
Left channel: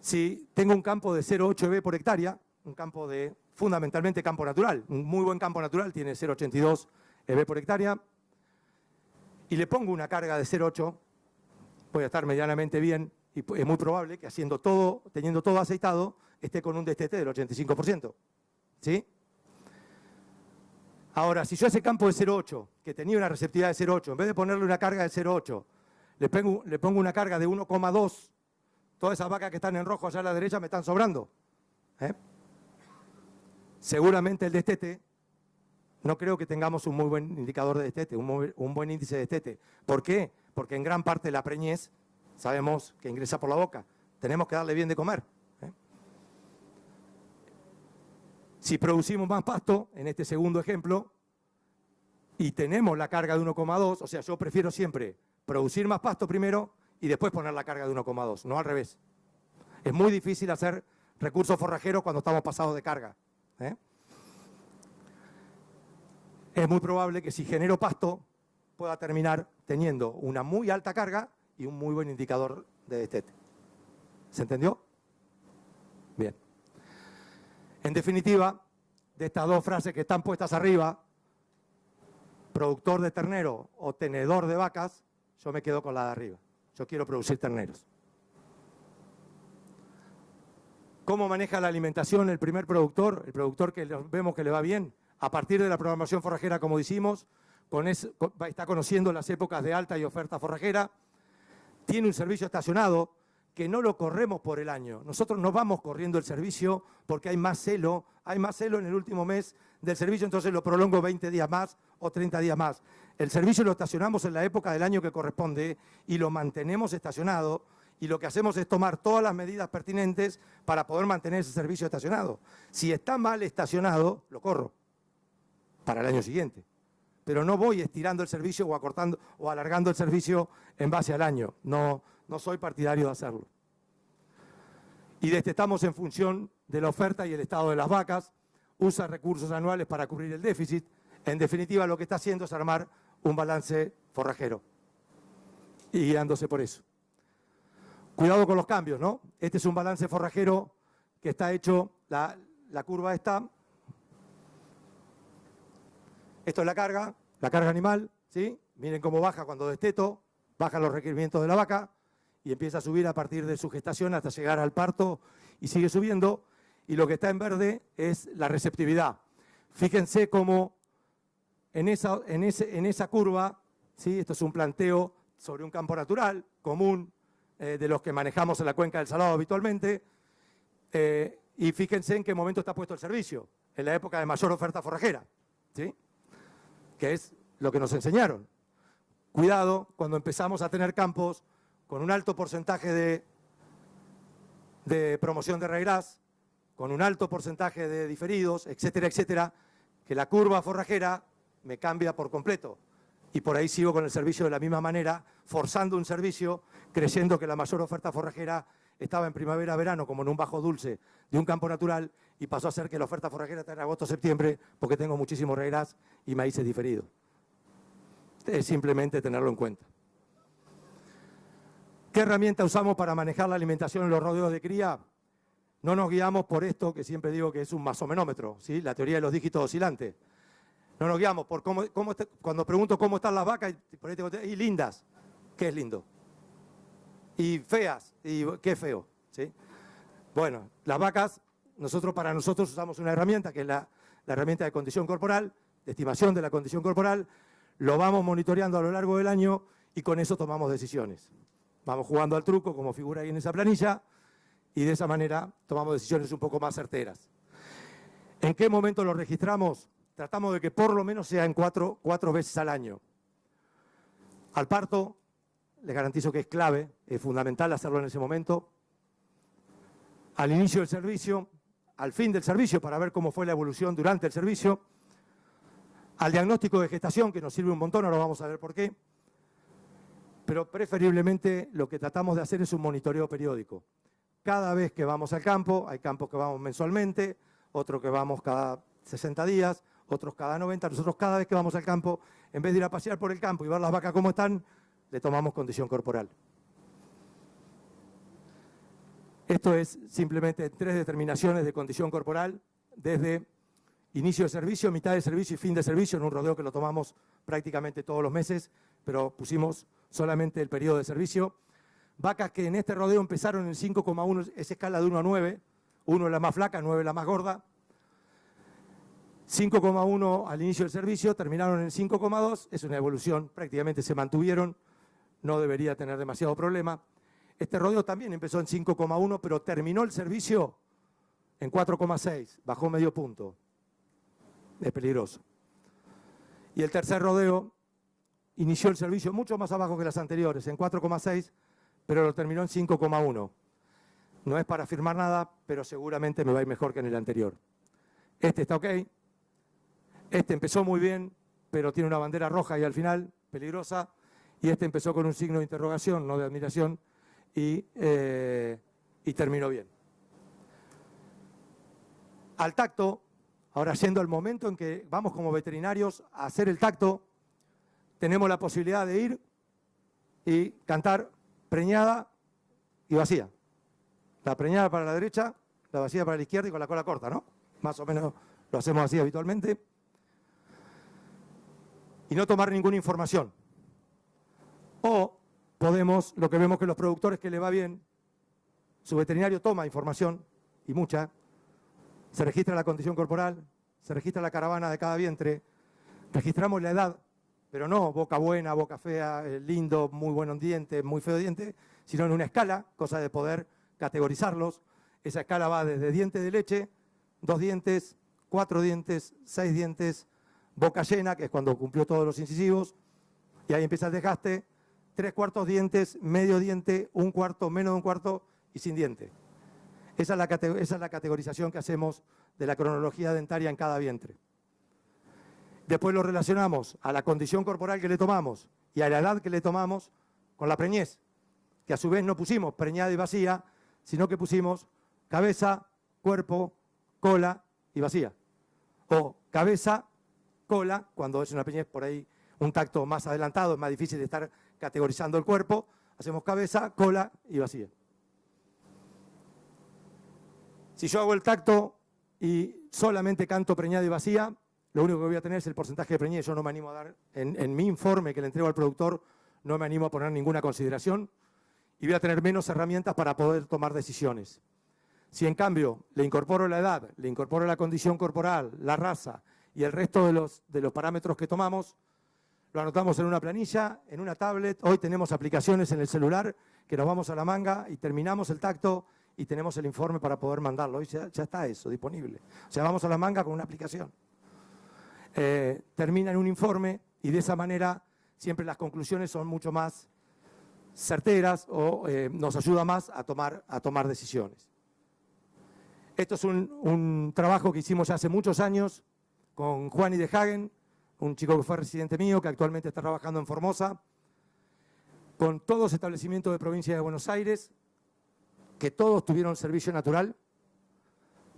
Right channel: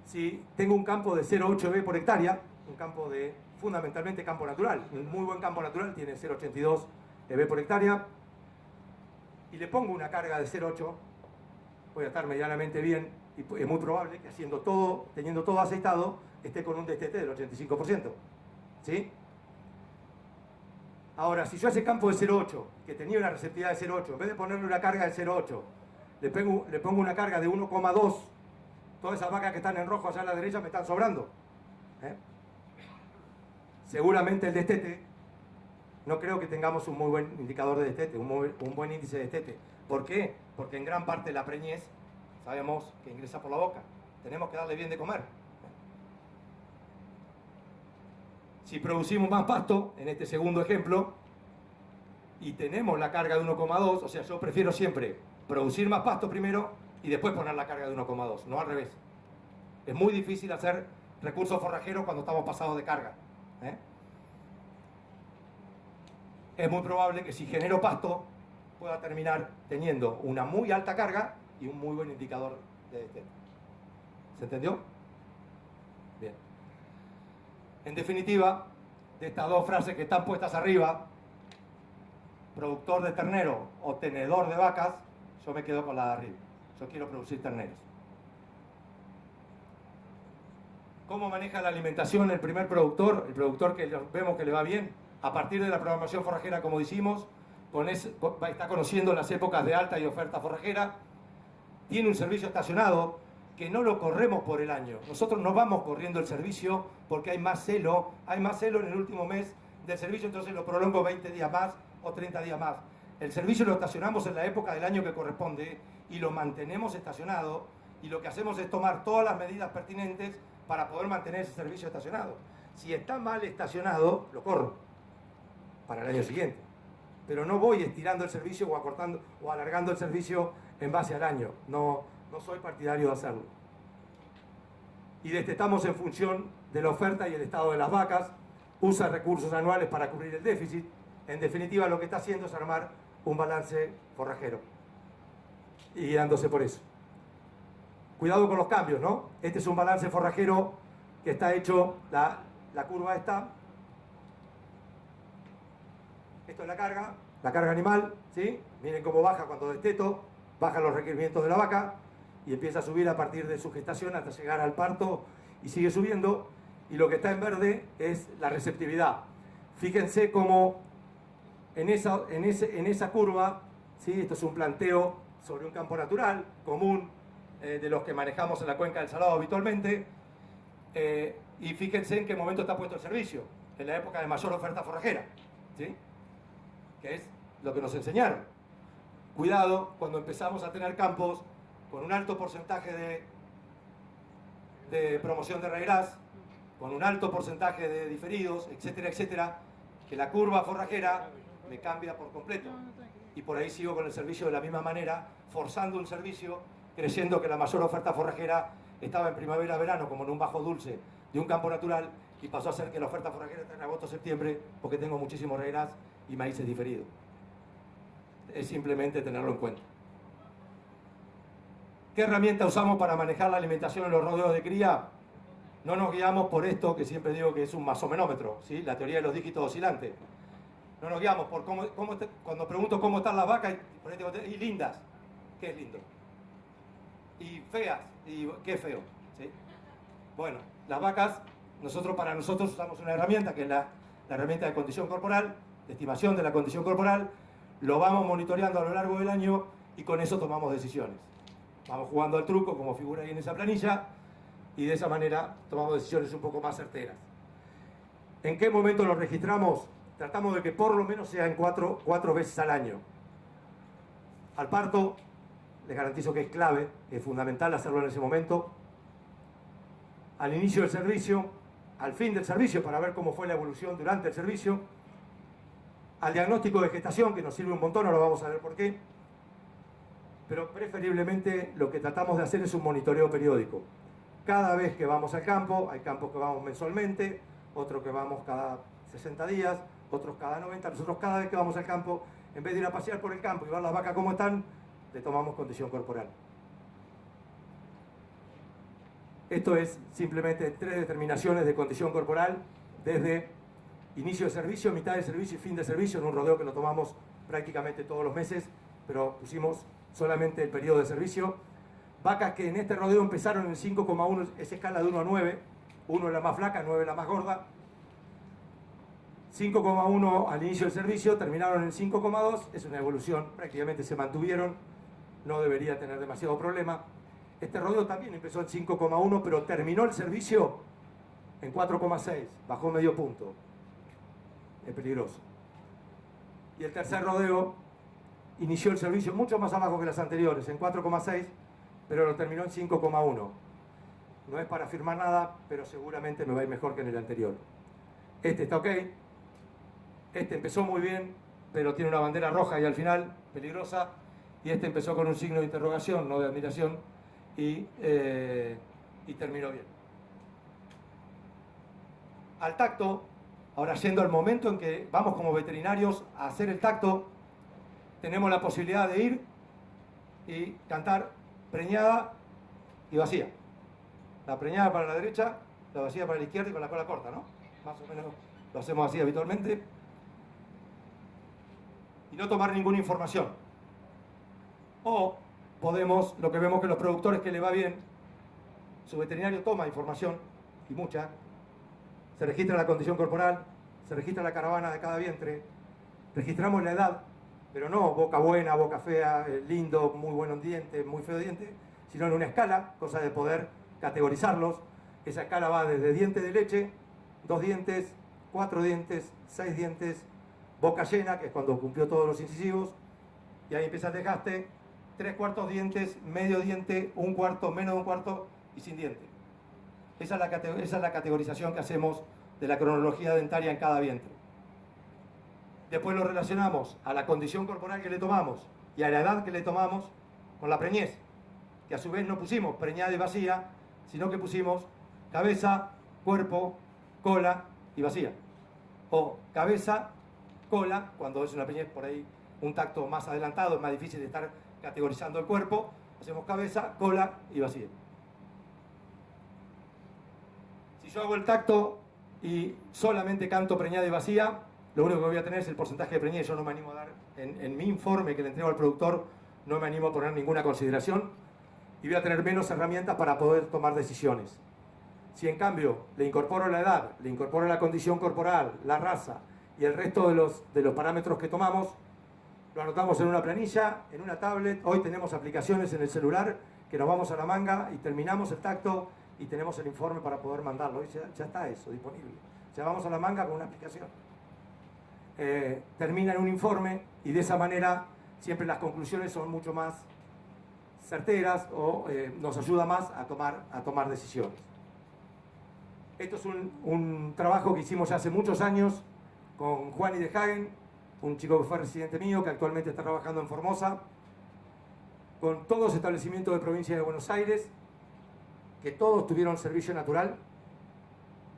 Si tengo un campo de 0,8 EB por hectárea, un campo de fundamentalmente campo natural, un muy buen campo natural tiene 0,82 EB por hectárea, y le pongo una carga de 0,8, voy a estar medianamente bien, y es muy probable que teniendo todo aceitado, esté con un destete del 85%, ¿sí? Ahora, si yo a ese campo de 0,8, que tenía una receptividad de 0,8, en vez de ponerle una carga de 0,8, le pongo una carga de 1,2, todas esas vacas que están en rojo allá a la derecha me están sobrando. Seguramente el destete, no creo que tengamos un muy buen indicador de destete, un buen índice de destete. ¿Por qué? Porque en gran parte la preñez sabemos que ingresa por la boca. Tenemos que darle bien de comer. Si producimos más pasto, en este segundo ejemplo, y tenemos la carga de 1,2, o sea, yo prefiero siempre producir más pasto primero y después poner la carga de 1,2, no al revés. Es muy difícil hacer recursos forrajeros cuando estamos pasados de carga. Es muy probable que si genero pasto pueda terminar teniendo una muy alta carga y un muy buen indicador de destete. ¿Se entendió? Bien. En definitiva, de estas dos frases que están puestas arriba, productor de ternero o tenedor de vacas, yo me quedo con la de arriba. Yo quiero producir terneros. ¿Cómo maneja la alimentación el primer productor? El productor que vemos que le va bien, a partir de la programación forrajera, como decimos, está conociendo las épocas de alta y oferta forrajera, tiene un servicio estacionado que no lo corremos por el año. Nosotros no vamos corriendo el servicio porque hay más celo en el último mes del servicio, entonces lo prolongo 20 días más o 30 días más. El servicio lo estacionamos en la época del año que corresponde y lo mantenemos estacionado, y lo que hacemos es tomar todas las medidas pertinentes para poder mantener ese servicio estacionado. Si está mal estacionado, lo corro para el año siguiente. Pero no voy estirando el servicio o acortando o alargando el servicio en base al año. No soy partidario de hacerlo. Y destetamos en función de la oferta y el estado de las vacas, usa recursos anuales para cubrir el déficit. En definitiva, lo que está haciendo es armar un balance forrajero y guiándose por eso. Cuidado con los cambios, ¿no? Este es un balance forrajero que está hecho, la curva esta. Esto es la carga animal, ¿sí? Miren cómo baja cuando desteto, bajan los requerimientos de la vaca y empieza a subir a partir de su gestación hasta llegar al parto y sigue subiendo. Y lo que está en verde es la receptividad. Fíjense cómo en esa curva, ¿sí? Esto es un planteo sobre un campo natural, común, de los que manejamos en la cuenca del Salado habitualmente, y fíjense en qué momento está puesto el servicio, en la época de mayor oferta forrajera, ¿sí? Que es lo que nos enseñaron. Cuidado cuando empezamos a tener campos con un alto porcentaje de promoción de regras, con un alto porcentaje de diferidos, etcétera, etcétera, que la curva forrajera me cambia por completo. Y por ahí sigo con el servicio de la misma manera, forzando un servicio, creyendo que la mayor oferta forrajera estaba en primavera-verano, como en un bajo dulce de un campo natural, y pasó a ser que la oferta forrajera está en agosto-septiembre, porque tengo muchísimos regras y maíces diferidos. Es simplemente tenerlo en cuenta. ¿Qué herramienta usamos para manejar la alimentación en los rodeos de cría? No nos guiamos por esto que siempre digo que es un masomenómetro, ¿sí? La teoría de los dígitos oscilantes. No nos guiamos por cuando pregunto cómo están las vacas y lindas, ¿qué es lindo? Y feas, y qué es feo, ¿sí? Bueno, las vacas, para nosotros usamos una herramienta que es la herramienta de condición corporal, de estimación de la condición corporal, lo vamos monitoreando a lo largo del año y con eso tomamos decisiones. Vamos jugando al truco, como figura ahí en esa planilla, y de esa manera tomamos decisiones un poco más certeras. ¿En qué momento lo registramos? Tratamos de que por lo menos sea en cuatro veces al año. Al parto, les garantizo que es clave, es fundamental hacerlo en ese momento. Al inicio del servicio, al fin del servicio, para ver cómo fue la evolución durante el servicio. Al diagnóstico de gestación, que nos sirve un montón, ahora vamos a ver por qué. Pero preferiblemente lo que tratamos de hacer es un monitoreo periódico. Cada vez que vamos al campo, hay campos que vamos mensualmente, otros que vamos cada 60 días, otros cada 90. Nosotros cada vez que vamos al campo, en vez de ir a pasear por el campo y ver las vacas cómo están, le tomamos condición corporal. Esto es simplemente 3 determinaciones de condición corporal desde inicio de servicio, mitad de servicio y fin de servicio, en un rodeo que lo tomamos prácticamente todos los meses, pero pusimos solamente el periodo de servicio. Vacas que en este rodeo empezaron en 5,1, es escala de 1 a 9, 1 es la más flaca, 9 es la más gorda. 5,1 al inicio del servicio, terminaron en 5,2, es una evolución, prácticamente se mantuvieron, no debería tener demasiado problema. Este rodeo también empezó en 5,1, pero terminó el servicio en 4,6, bajó medio punto. Es peligroso. Y el tercer rodeo inició el servicio mucho más abajo que las anteriores, en 4,6, pero lo terminó en 5,1. No es para afirmar nada, pero seguramente me va a ir mejor que en el anterior. Este está ok. Este empezó muy bien, pero tiene una bandera roja y al final, peligrosa. Y este empezó con un signo de interrogación, no de admiración, y terminó bien. Al tacto, ahora yendo al momento en que vamos como veterinarios a hacer el tacto, tenemos la posibilidad de ir y cantar preñada y vacía. La preñada para la derecha, la vacía para la izquierda y con la cola corta, ¿no? Más o menos lo hacemos así habitualmente. Y no tomar ninguna información. O podemos, lo que vemos que los productores que le va bien, su veterinario toma información, y mucha, se registra la condición corporal, se registra la caravana de cada vientre, registramos la edad, pero no boca buena, boca fea, lindo, muy bueno diente, muy feo diente, sino en una escala, cosa de poder categorizarlos. Esa escala va desde diente de leche, 2 dientes, 4 dientes, 6 dientes, boca llena, que es cuando cumplió todos los incisivos, y ahí empieza el desgaste, 3/4 dientes, medio diente, 1/4, menos de 1/4 y sin diente. Esa es la categorización que hacemos de la cronología dentaria en cada vientre. Después lo relacionamos a la condición corporal que le tomamos y a la edad que le tomamos con la preñez, que a su vez no pusimos preñada y vacía, sino que pusimos cabeza, cuerpo, cola y vacía. O cabeza, cola, cuando es una preñez por ahí un tacto más adelantado, es más difícil de estar categorizando el cuerpo, hacemos cabeza, cola y vacía. Si yo hago el tacto y solamente canto preñada y vacía, lo único que voy a tener es el porcentaje de preñez. Yo no me animo a dar, en mi informe que le entrego al productor, no me animo a poner ninguna consideración y voy a tener menos herramientas para poder tomar decisiones. Si en cambio le incorporo la edad, le incorporo la condición corporal, la raza y el resto de los parámetros que tomamos, lo anotamos en una planilla, en una tablet. Hoy tenemos aplicaciones en el celular que nos vamos a la manga y terminamos el tacto y tenemos el informe para poder mandarlo. Hoy ya está eso disponible. O sea, vamos a la manga con una aplicación. Termina en un informe y de esa manera siempre las conclusiones son mucho más certeras o nos ayuda más a tomar decisiones. Esto es un trabajo que hicimos hace muchos años con Juan de Hagen, un chico que fue residente mío, que actualmente está trabajando en Formosa, con todos los establecimientos de provincia de Buenos Aires, que todos tuvieron servicio natural,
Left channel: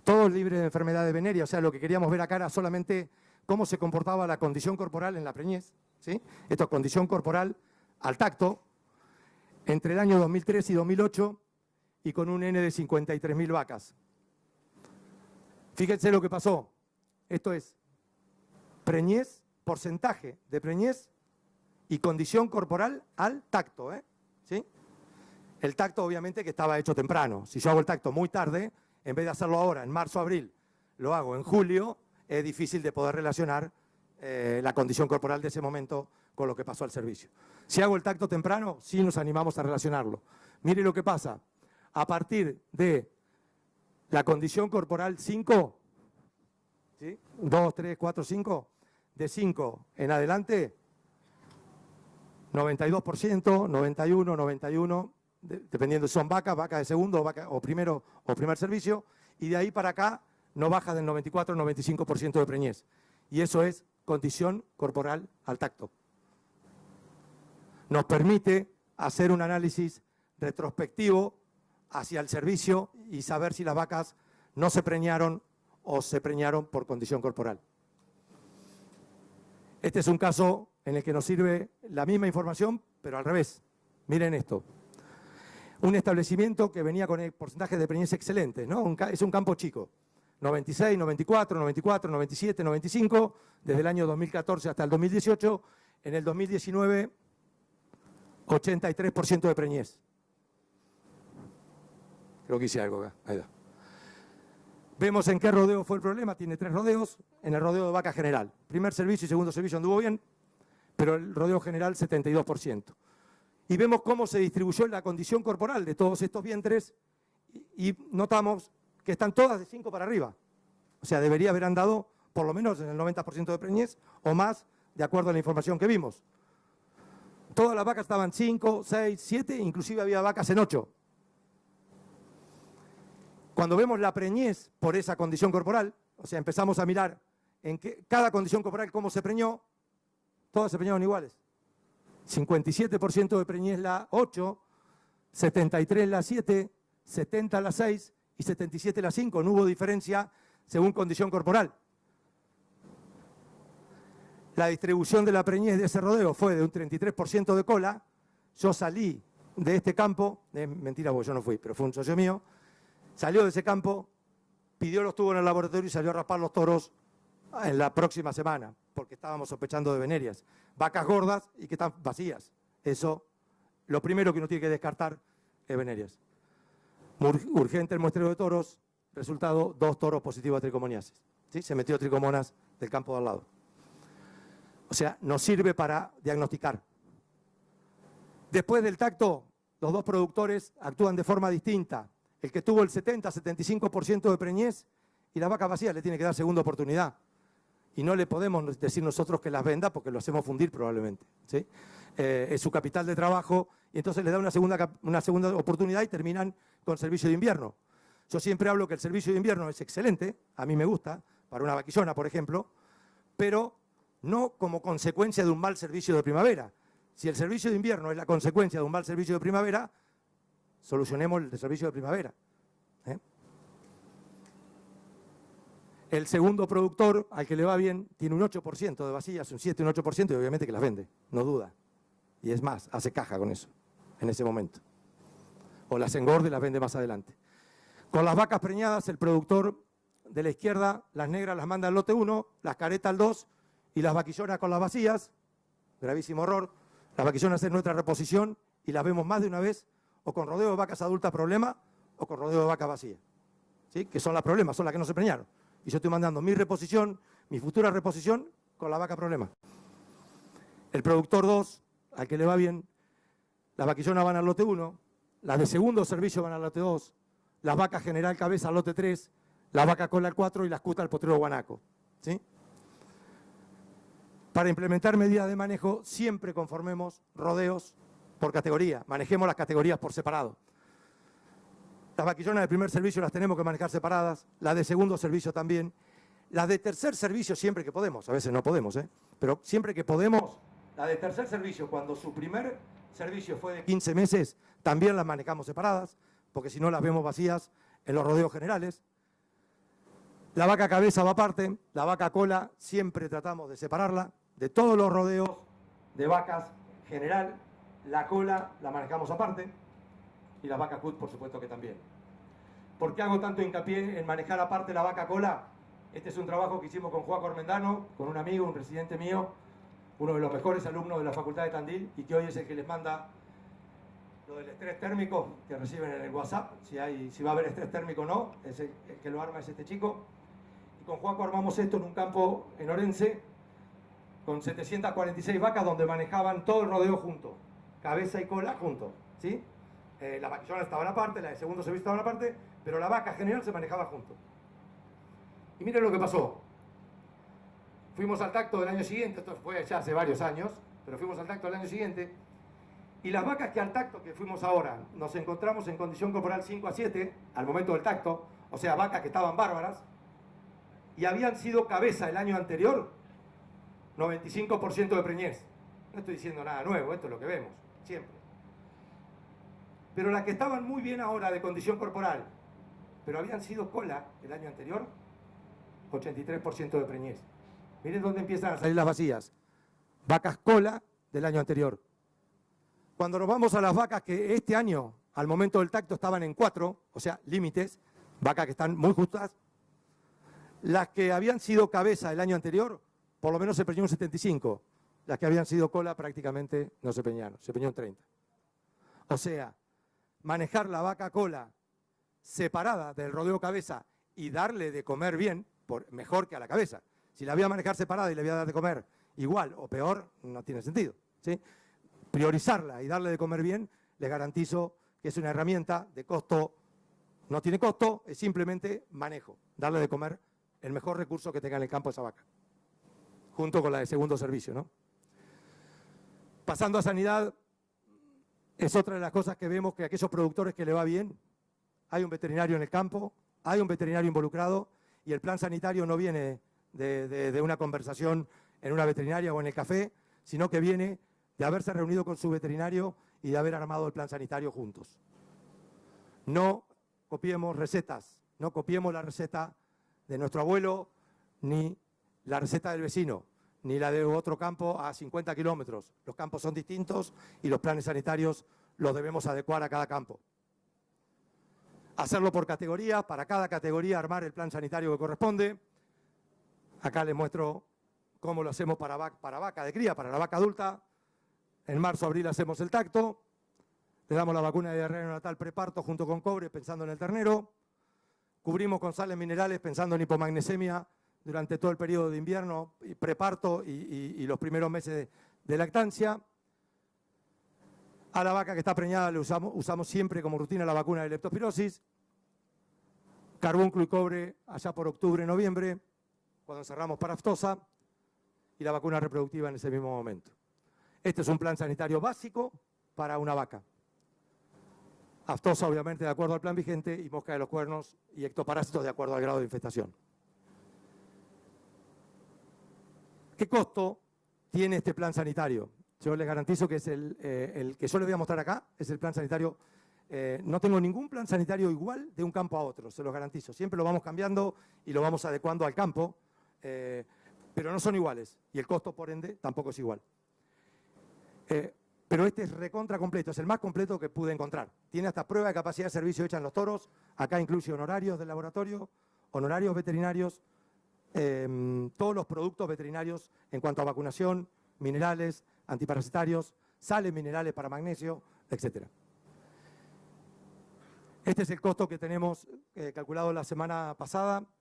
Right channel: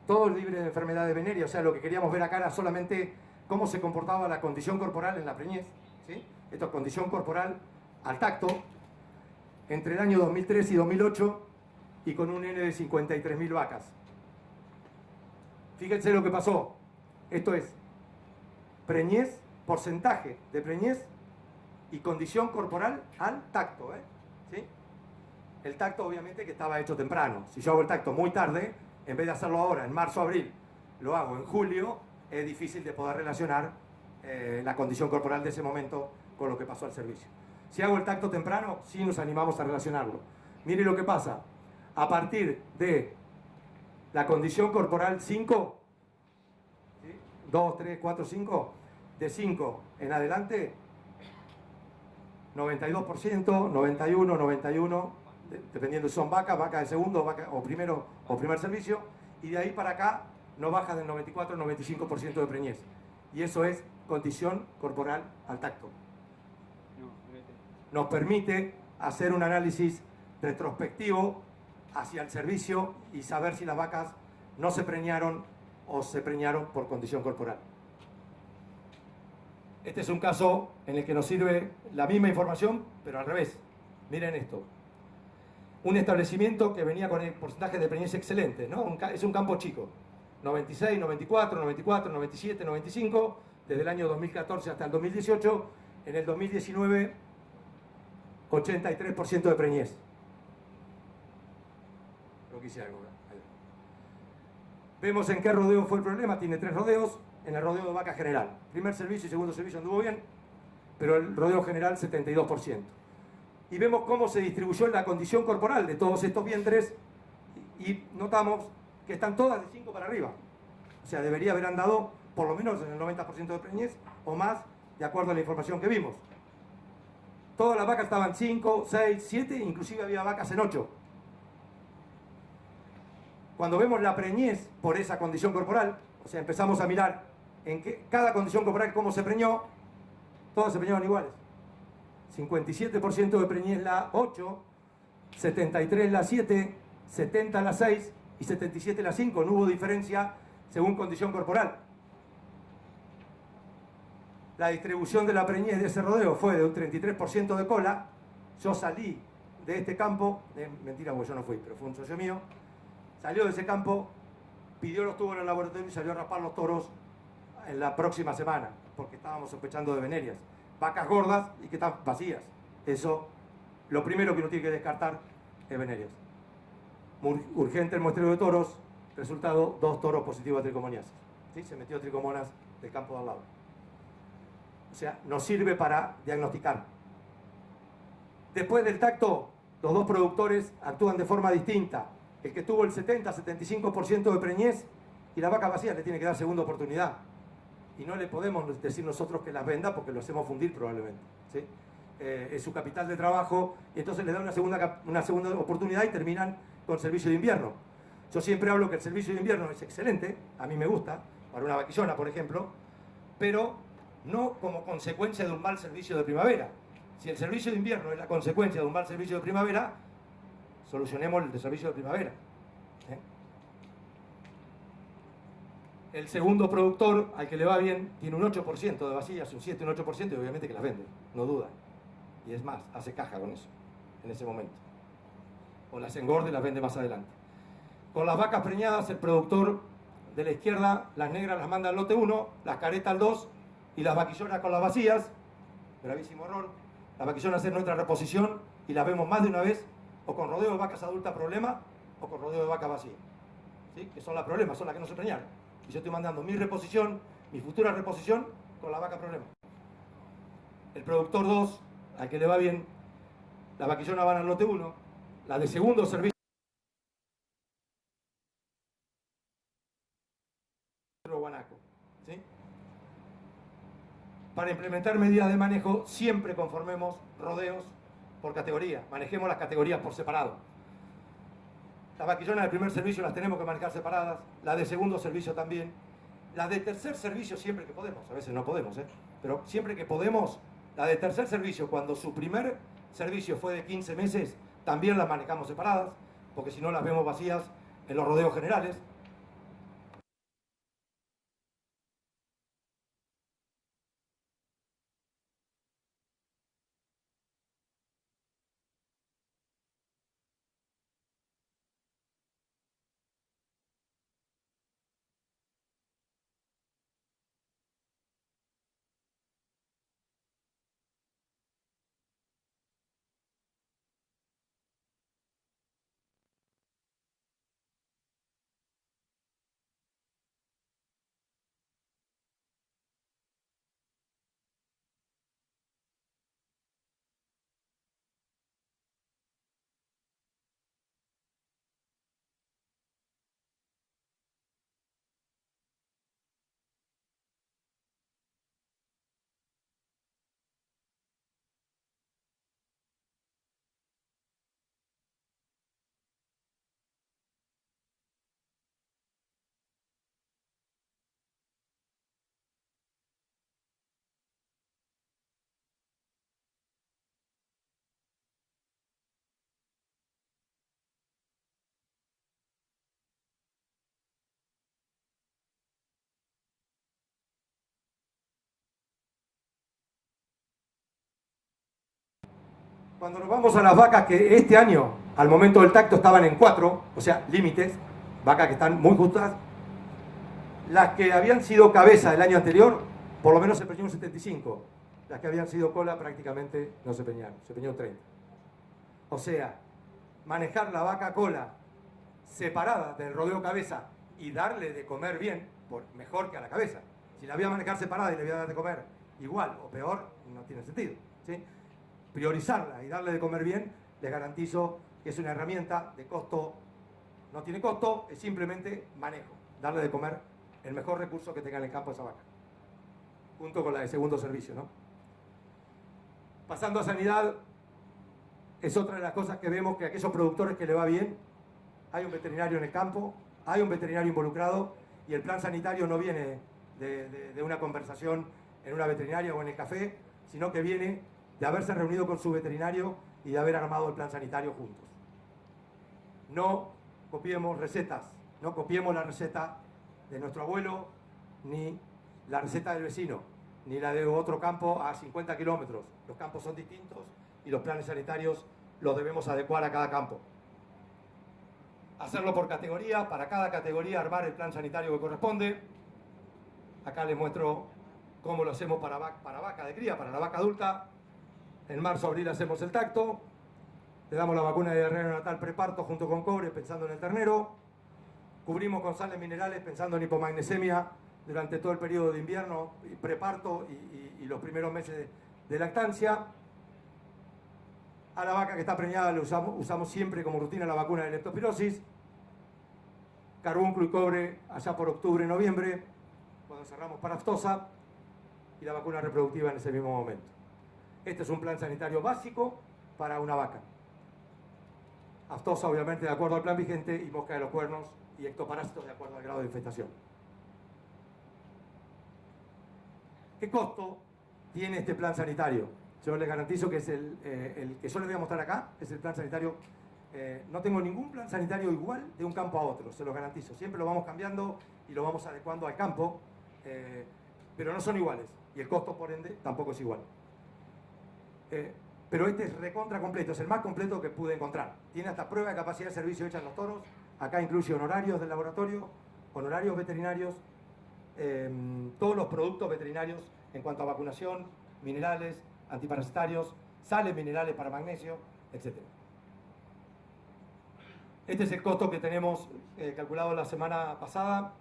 todos libres de enfermedades venéreas. O sea, lo que queríamos ver acá era solamente cómo se comportaba la condición corporal en la preñez, ¿sí? Esto es condición corporal al tacto, entre el año 2003 y 2008, y con un N de 53.000 vacas. Fíjense lo que pasó. Esto es preñez, porcentaje de preñez y condición corporal al tacto, ¿sí? El tacto obviamente que estaba hecho temprano. Si yo hago el tacto muy tarde, en vez de hacerlo ahora, en marzo, abril, lo hago en julio, es difícil de poder relacionar la condición corporal de ese momento con lo que pasó al servicio. Si hago el tacto temprano, sí nos animamos a relacionarlo. Mire lo que pasa. A partir de la condición corporal 5, ¿sí? 2, 3, 4, 5, de 5 en adelante, 92%, 91, 91, dependiendo si son vacas de segundo o primero o primer servicio, y de ahí para acá no baja del 94-95% de preñez. Y eso es condición corporal al tacto. Nos permite hacer un análisis retrospectivo hacia el servicio y saber si las vacas no se preñaron o se preñaron por condición corporal. Este es un caso en el que nos sirve la misma información, pero al revés. Miren esto. Un establecimiento que venía con el porcentaje de preñez excelente, ¿no? Es un campo chico. 96, 94, 94, 97, 95, desde el año 2014 hasta el 2018. En el 2019, 83% de preñez. Creo que hice algo acá. Ahí va. Vemos en qué rodeo fue el problema. Tiene 3 rodeos. En el rodeo de vaca general. Primer servicio y segundo servicio anduvo bien, pero el rodeo general 72%. Y vemos cómo se distribuyó la condición corporal de todos estos vientres y notamos que están todas de 5 para arriba. O sea, debería haber andado por lo menos en el 90% de preñez o más, de acuerdo a la información que vimos. Todas las vacas estaban 5, 6, 7, inclusive había vacas en 8. Cuando vemos la preñez por esa condición corporal, O sea, empezamos a mirar en cada condición corporal cómo se preñó, todos se preñaron iguales. 57% de preñez la 8, 73 la 7, 70 la 6 y 77 la 5. No hubo diferencia según condición corporal. La distribución de la preñez de ese rodeo fue de un 33% de cola. Yo salí de este campo, mentira porque yo no fui, pero fue un socio mío, salió de ese campo, pidió los tubos en el laboratorio y salió a raspar los toros en la próxima semana, porque estábamos sospechando de venerias. Vacas gordas y que están vacías. Eso, lo primero que uno tiene que descartar es venerias. Urgente el muestreo de toros, resultado, 2 toros positivos a tricomoniasis. ¿Sí? Se metió tricomonas del campo de al lado. O sea, nos sirve para diagnosticar. Después del tacto, los 2 productores actúan de forma distinta. El que tuvo el 70-75% de preñez y la vaca vacía le tiene que dar segunda oportunidad. Y no le podemos decir nosotros que las venda porque lo hacemos fundir probablemente. ¿Sí? Es su capital de trabajo y entonces les da una segunda oportunidad y terminan con servicio de invierno. Yo siempre hablo que el servicio de invierno es excelente, a mí me gusta, para una vaquillona, por ejemplo, pero no como consecuencia de un mal servicio de primavera. Si el servicio de invierno es la consecuencia de un mal servicio de primavera, solucionemos el servicio de primavera. El segundo productor, al que le va bien, tiene un 8% de vacías, un 7, un 8%, y obviamente que las vende, no duda. Y es más, hace caja con eso, en ese momento. O las engorda y las vende más adelante. Con las vacas preñadas, el productor de la izquierda, las negras las manda al lote 1, las caretas al 2, y las vaquillonas con las vacías, gravísimo error, las vaquillonas en nuestra reposición, y las vemos más de una vez, o con rodeo de vacas adultas problema, o con rodeo de vacas vacías. ¿Sí? Que son las problemas, son las que no se preñaron. Y yo estoy mandando mi reposición, mi futura reposición, con la vaca problema. El productor 2, al que le va bien, las vaquillonas van al lote 1, las de segundo servicio van al lote 2, las vacas general cabeza al lote 3, la vaca cola al 4 y las cutas al potrero guanaco. ¿Sí? Para implementar medidas de manejo, siempre conformemos rodeos por categoría. Manejemos las categorías por separado. Las vaquillonas de primer servicio las tenemos que manejar separadas, las de segundo servicio también, las de tercer servicio siempre que podemos, a veces no podemos, pero siempre que podemos, la de tercer servicio, cuando su primer servicio fue de 15 meses, también las manejamos separadas, porque si no las vemos vacías en los rodeos generales. La vaca cabeza va aparte, la vaca cola siempre tratamos de separarla, de todos los rodeos de vacas general, la cola la manejamos aparte, y la vaca cut por supuesto que también. ¿Por qué hago tanto hincapié en manejar aparte la vaca cola? Este es un trabajo que hicimos con Juan Cormendano, con un amigo, un residente mío, uno de los mejores alumnos de la Facultad de Tandil y que hoy es el que les manda lo del estrés térmico que reciben en el WhatsApp, si va a haber estrés térmico o no, el que lo arma es este chico. Y con Juanco armamos esto en un campo en Orense con 746 vacas donde manejaban todo el rodeo junto, cabeza y cola juntos, ¿sí? Las vaquillonas estaban aparte, la de segundo servicio estaban aparte, pero la vaca general se manejaba junto. Y miren lo que pasó. Fuimos al tacto del año siguiente, esto fue ya hace varios años, pero fuimos al tacto del año siguiente, y las vacas que al tacto que fuimos ahora, nos encontramos en condición corporal 5 a 7, al momento del tacto, o sea, vacas que estaban bárbaras, y habían sido cabeza el año anterior, 95% de preñez. No estoy diciendo nada nuevo, esto es lo que vemos, siempre. Pero las que estaban muy bien ahora de condición corporal, pero habían sido cola el año anterior, 83% de preñez. Miren dónde empiezan a salir las vacías. Vacas cola del año anterior. Cuando nos vamos a las vacas que este año, al momento del tacto, estaban en 4, o sea, límites, vacas que están muy justas, las que habían sido cabeza el año anterior, por lo menos se preñó un 75. Las que habían sido cola prácticamente no se preñaron, se preñó un 30. O sea, manejar la vaca cola separada del rodeo cabeza y darle de comer bien, mejor que a la cabeza. Si la voy a manejar separada y le voy a dar de comer igual o peor, no tiene sentido, ¿sí? Priorizarla y darle de comer bien, les garantizo que es una herramienta de costo, no tiene costo, es simplemente manejo, darle de comer el mejor recurso que tenga en el campo esa vaca, junto con la de segundo servicio, ¿no? Pasando a sanidad, es otra de las cosas que vemos que a aquellos productores que le va bien, hay un veterinario en el campo, hay un veterinario involucrado y el plan sanitario no viene de una conversación en una veterinaria o en el café, sino que viene de haberse reunido con su veterinario y de haber armado el plan sanitario juntos. No copiemos recetas, no copiemos la receta de nuestro abuelo, ni la receta del vecino, ni la de otro campo a 50 kilómetros. Los campos son distintos y los planes sanitarios los debemos adecuar a cada campo. Hacerlo por categoría, para cada categoría armar el plan sanitario que corresponde. Acá les muestro cómo lo hacemos para vaca de cría, para la vaca adulta. En marzo, abril hacemos el tacto. Le damos la vacuna de diarrea neonatal preparto junto con cobre, pensando en el ternero. Cubrimos con sales minerales, pensando en hipomagnesemia durante todo el periodo de invierno, preparto y los primeros meses de lactancia. A la vaca que está preñada le usamos siempre como rutina la vacuna de leptospirosis. Carbúnculo y cobre allá por octubre, noviembre, cuando cerramos para aftosa, y la vacuna reproductiva en ese mismo momento. Este es un plan sanitario básico para una vaca. Aftosa, obviamente, de acuerdo al plan vigente, y mosca de los cuernos y ectoparásitos de acuerdo al grado de infestación. ¿Qué costo tiene este plan sanitario? Yo les garantizo que es el que yo les voy a mostrar acá, es el plan sanitario. No tengo ningún plan sanitario igual de un campo a otro, se los garantizo. Siempre lo vamos cambiando y lo vamos adecuando al campo, pero no son iguales. Y el costo, por ende, tampoco es igual. Pero este es recontra completo, es el más completo que pude encontrar. Tiene hasta prueba de capacidad de servicio hecha en los toros. Acá incluye honorarios del laboratorio, honorarios veterinarios, todos los productos veterinarios en cuanto a vacunación, minerales, antiparasitarios, sales minerales para magnesio, etc. Este es el costo que tenemos calculado la semana pasada.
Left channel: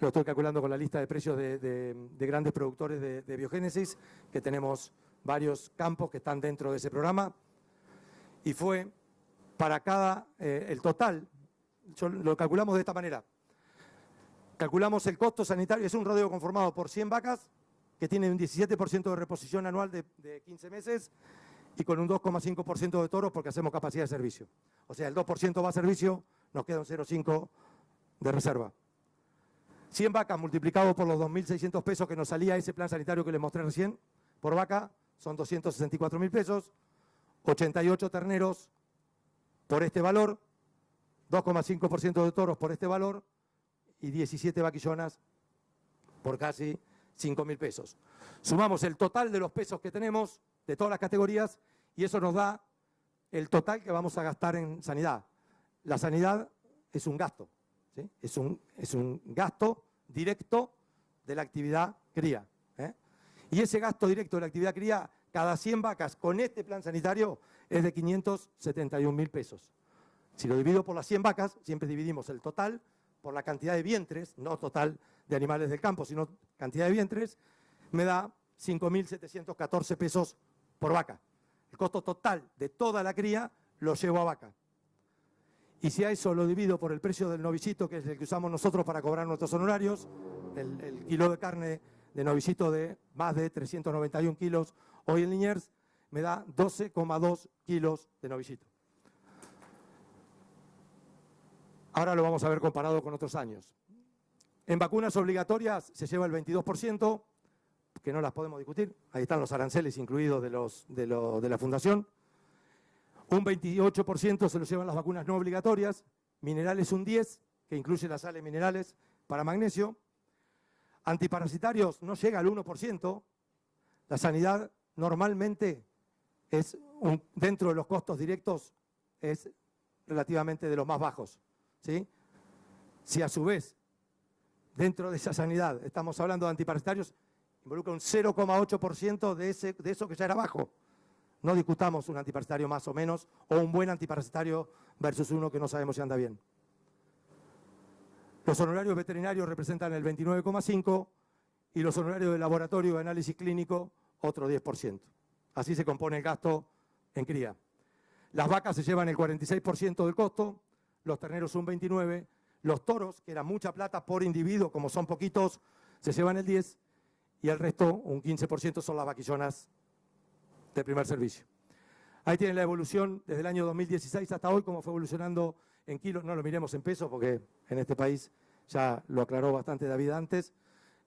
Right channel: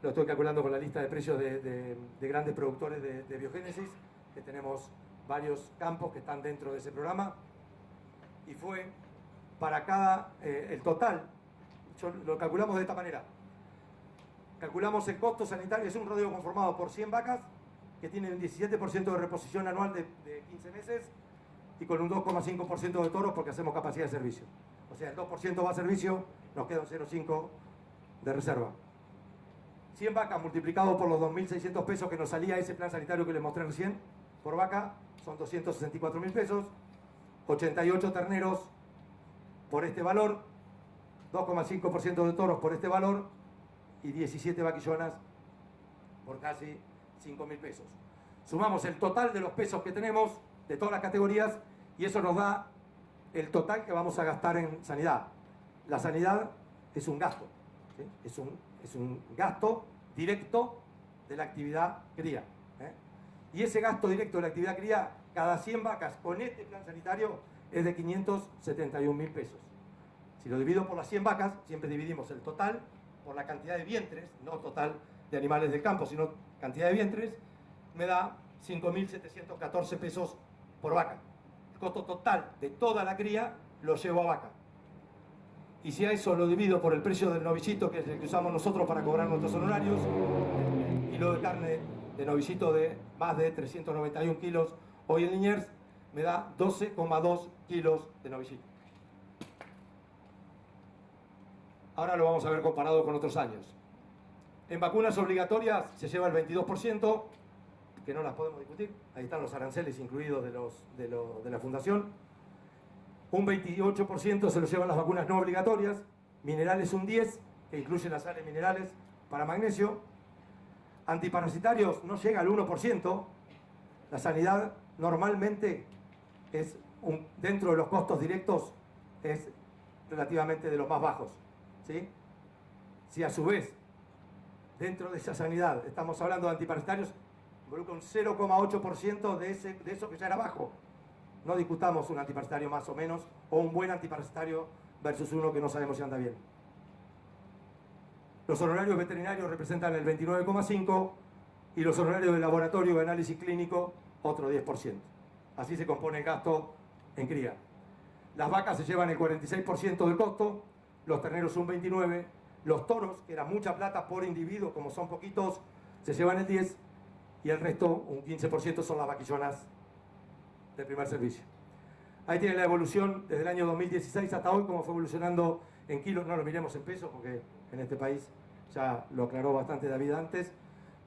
Lo estoy calculando con la lista de precios de grandes productores de biogénesis, que tenemos varios campos que están dentro de ese programa. Y fue para cada, el total, lo calculamos de esta manera. Calculamos el costo sanitario, es un rodeo conformado por 100 vacas, que tienen un 17% de reposición anual de 15 meses y con un 2,5% de toros porque hacemos capacidad de servicio. O sea, el 2% va a servicio, nos queda un 0,5% de reserva. 100 vacas multiplicado por los 2.600 pesos que nos salía ese plan sanitario que les mostré recién, por vaca, son 264.000 pesos. 88 terneros por este valor, 2,5% de toros por este valor y 17 vaquillonas por casi 5.000 pesos. Sumamos el total de los pesos que tenemos de todas las categorías y eso nos da el total que vamos a gastar en sanidad. La sanidad es un gasto, ¿sí? Es un gasto directo de la actividad cría, ¿eh? Y ese gasto directo de la actividad cría, cada 100 vacas con este plan sanitario es de 571.000 pesos. Si lo divido por las 100 vacas, siempre dividimos el total por la cantidad de vientres, no total de animales del campo, sino cantidad de vientres, me da 5.714 pesos por vaca. El costo total de toda la cría lo llevo a vaca. Y si a eso lo divido por el precio del novillito, que es el que usamos nosotros para cobrar nuestros honorarios, el kilo de carne de novillito de más de 391 kilos hoy en Liniers, me da 12,2 kilos de novillito. Ahora lo vamos a ver comparado con otros años. En vacunas obligatorias se lleva el 22%, que no las podemos discutir. Ahí están los aranceles incluidos de la fundación. Un 28% se lo llevan las vacunas no obligatorias. Minerales un 10%, que incluye las sales minerales para magnesio. Antiparasitarios no llega al 1%. La sanidad normalmente es dentro de los costos directos es relativamente de los más bajos, ¿sí? Si a su vez dentro de esa sanidad estamos hablando de antiparasitarios, involucra un 0,8% de eso que ya era bajo. No discutamos un antiparasitario más o menos o un buen antiparasitario versus uno que no sabemos si anda bien. Los honorarios veterinarios representan el 29,5% y los honorarios de laboratorio de análisis clínico otro 10%. Así se compone el gasto en cría. Las vacas se llevan el 46% del costo, los terneros un 29%, los toros, que era mucha plata por individuo, como son poquitos, se llevan el 10% y el resto, un 15%, son las vaquillonas de primer servicio. Ahí tienen la evolución desde el año 2016 hasta hoy, cómo fue evolucionando en kilos. No lo miremos en pesos porque en este país ya lo aclaró bastante David antes,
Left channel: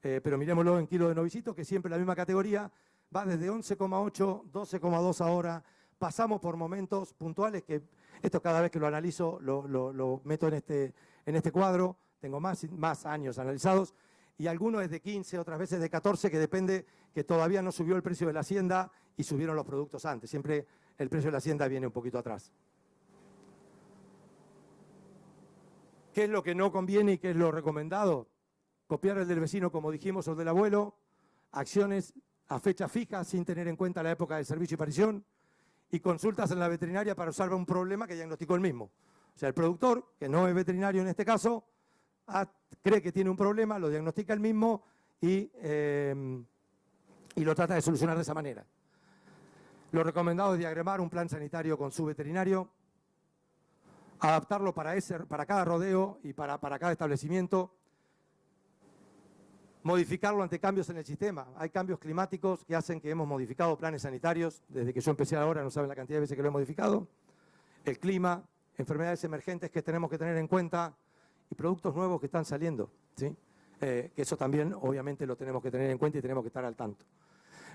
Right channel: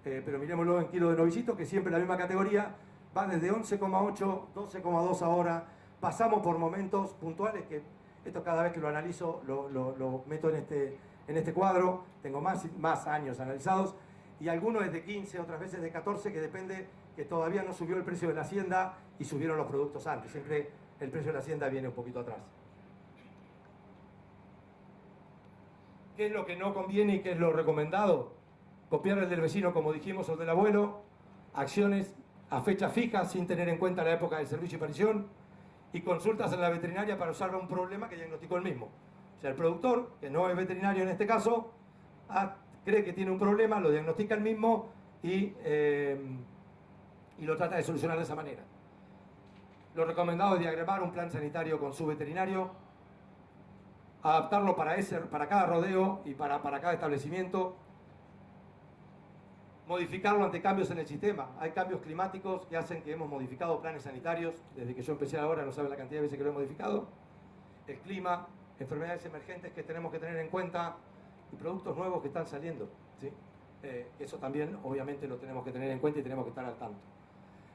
pero miremoslo en kilo de novillito, que siempre la misma categoría, va desde 11,8, 12,2 ahora, pasamos por momentos puntuales que esto cada vez que lo analizo lo meto en este cuadro, tengo más años analizados, y algunos es de 15, otras veces de 14, que depende que todavía no subió el precio de la hacienda y subieron los productos antes, siempre el precio de la hacienda viene un poquito atrás. ¿Qué es lo que no conviene y qué es lo recomendado? Copiar el del vecino, como dijimos, o el del abuelo, acciones a fecha fija sin tener en cuenta la época del servicio y aparición, y consultas en la veterinaria para usar un problema que diagnosticó el mismo. O sea, el productor, que no es veterinario en este caso, cree que tiene un problema, lo diagnostica el mismo y lo trata de solucionar de esa manera. Lo recomendado es diagramar un plan sanitario con su veterinario, adaptarlo para cada rodeo y para cada establecimiento, modificarlo ante cambios en el sistema. Hay cambios climáticos que hacen que hemos modificado planes sanitarios. Desde que yo empecé ahora, no saben la cantidad de veces que lo he modificado. El clima, enfermedades emergentes que tenemos que tener en cuenta y productos nuevos que están saliendo, ¿sí? Que eso también, obviamente, lo tenemos que tener en cuenta y tenemos que estar al tanto.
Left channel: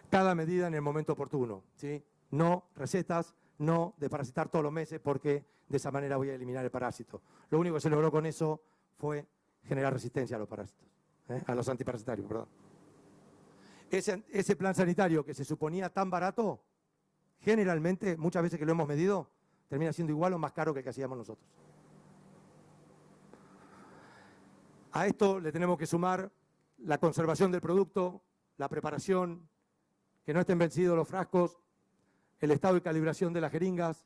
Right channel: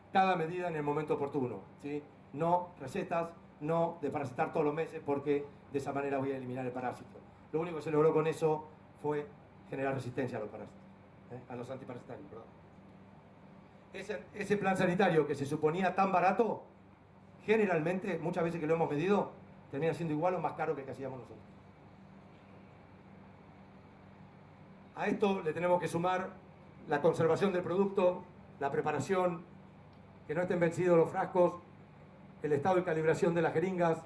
Cada medida en el momento oportuno, ¿sí? No recetas, no de parasitar todos los meses, porque de esa manera voy a eliminar el parásito. Lo único que se logró con eso fue generar resistencia a los parásitos. A los antiparasitarios, perdón. Ese plan sanitario que se suponía tan barato, generalmente, muchas veces que lo hemos medido, termina siendo igual o más caro que el que hacíamos nosotros. A esto le tenemos que sumar la conservación del producto, la preparación, que no estén vencidos los frascos, el estado de calibración de las jeringas,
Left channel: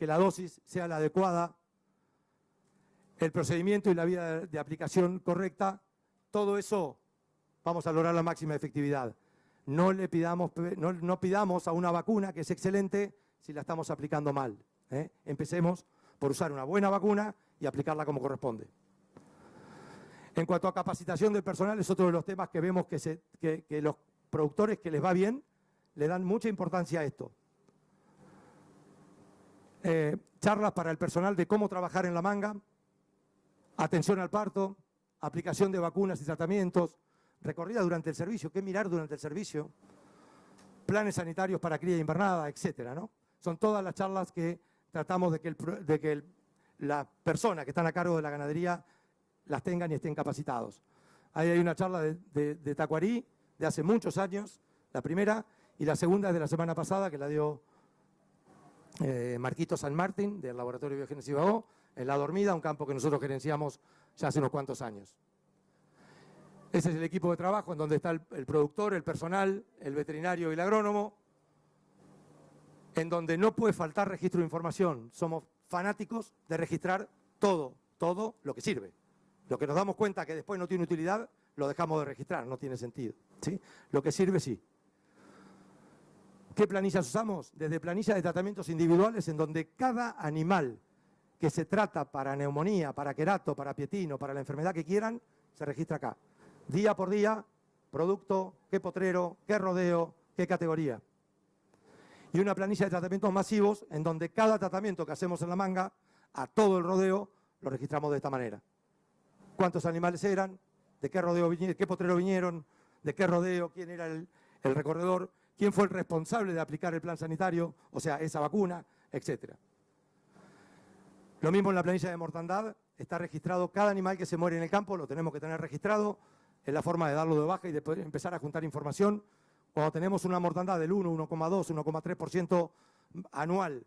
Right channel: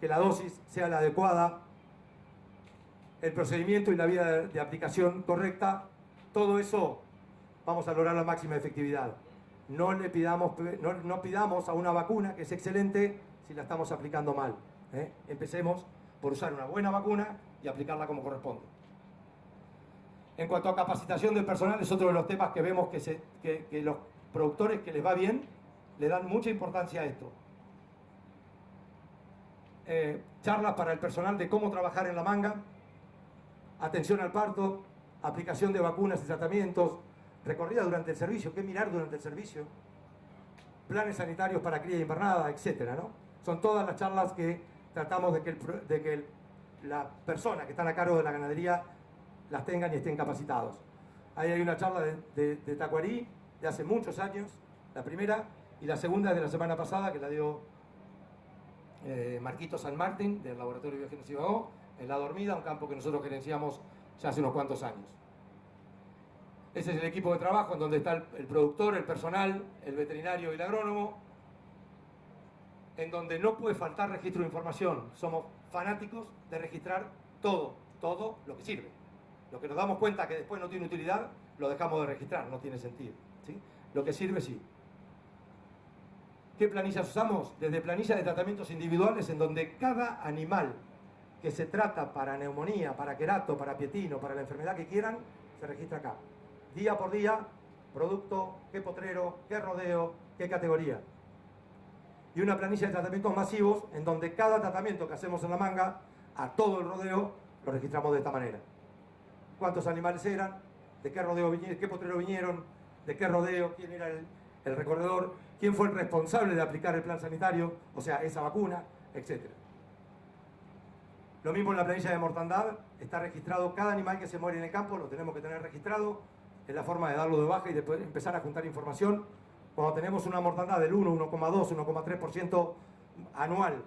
que la dosis sea la adecuada, el procedimiento y la vía de aplicación correcta. Todo eso vamos a lograr la máxima efectividad. No pidamos a una vacuna que es excelente si la estamos aplicando mal. Empecemos por usar una buena vacuna y aplicarla como corresponde. En cuanto a capacitación del personal, es otro de los temas que vemos que los productores que les va bien le dan mucha importancia a esto. Charlas para el personal de cómo trabajar en la manga, atención al parto, aplicación de vacunas y tratamientos, recorrida durante el servicio, qué mirar durante el servicio, planes sanitarios para cría y invernada, etcétera, ¿no? Son todas las charlas que tratamos de que las personas que están a cargo de la ganadería las tengan y estén capacitados. Ahí hay una charla de Tacuarí de hace muchos años, la primera, y la segunda es de la semana pasada, que la dio Marquito San Martín, del Laboratorio de Biogénesis Bagó, en La Dormida, un campo que nosotros gerenciamos ya hace unos cuantos años. Ese es el equipo de trabajo en donde está el productor, el personal, el veterinario y el agrónomo, en donde no puede faltar registro de información. Somos fanáticos de registrar todo lo que sirve. Lo que nos damos cuenta que después no tiene utilidad, lo dejamos de registrar, no tiene sentido, ¿sí? Lo que sirve, sí. ¿Qué planillas usamos? Desde planillas de tratamientos individuales, en donde cada animal que se trata para neumonía, para querato, para pietino, para la enfermedad que quieran, se registra acá. Día por día, producto, qué potrero, qué rodeo, qué categoría. Y una planilla de tratamientos masivos, en donde cada tratamiento que hacemos en la manga, a todo el rodeo, lo registramos de esta manera. ¿Cuántos animales eran? ¿De qué rodeo vinieron? ¿Qué potrero vinieron? ¿De qué rodeo? ¿Quién era el recorredor? ¿Quién fue el responsable de aplicar el plan sanitario? O sea, esa vacuna, etcétera. Lo mismo en la planilla de mortandad, está registrado cada animal que se muere en el campo, lo tenemos que tener registrado, es la forma de darlo de baja y después empezar a juntar información. Cuando tenemos una mortandad del 1, 1,2, 1,3% anual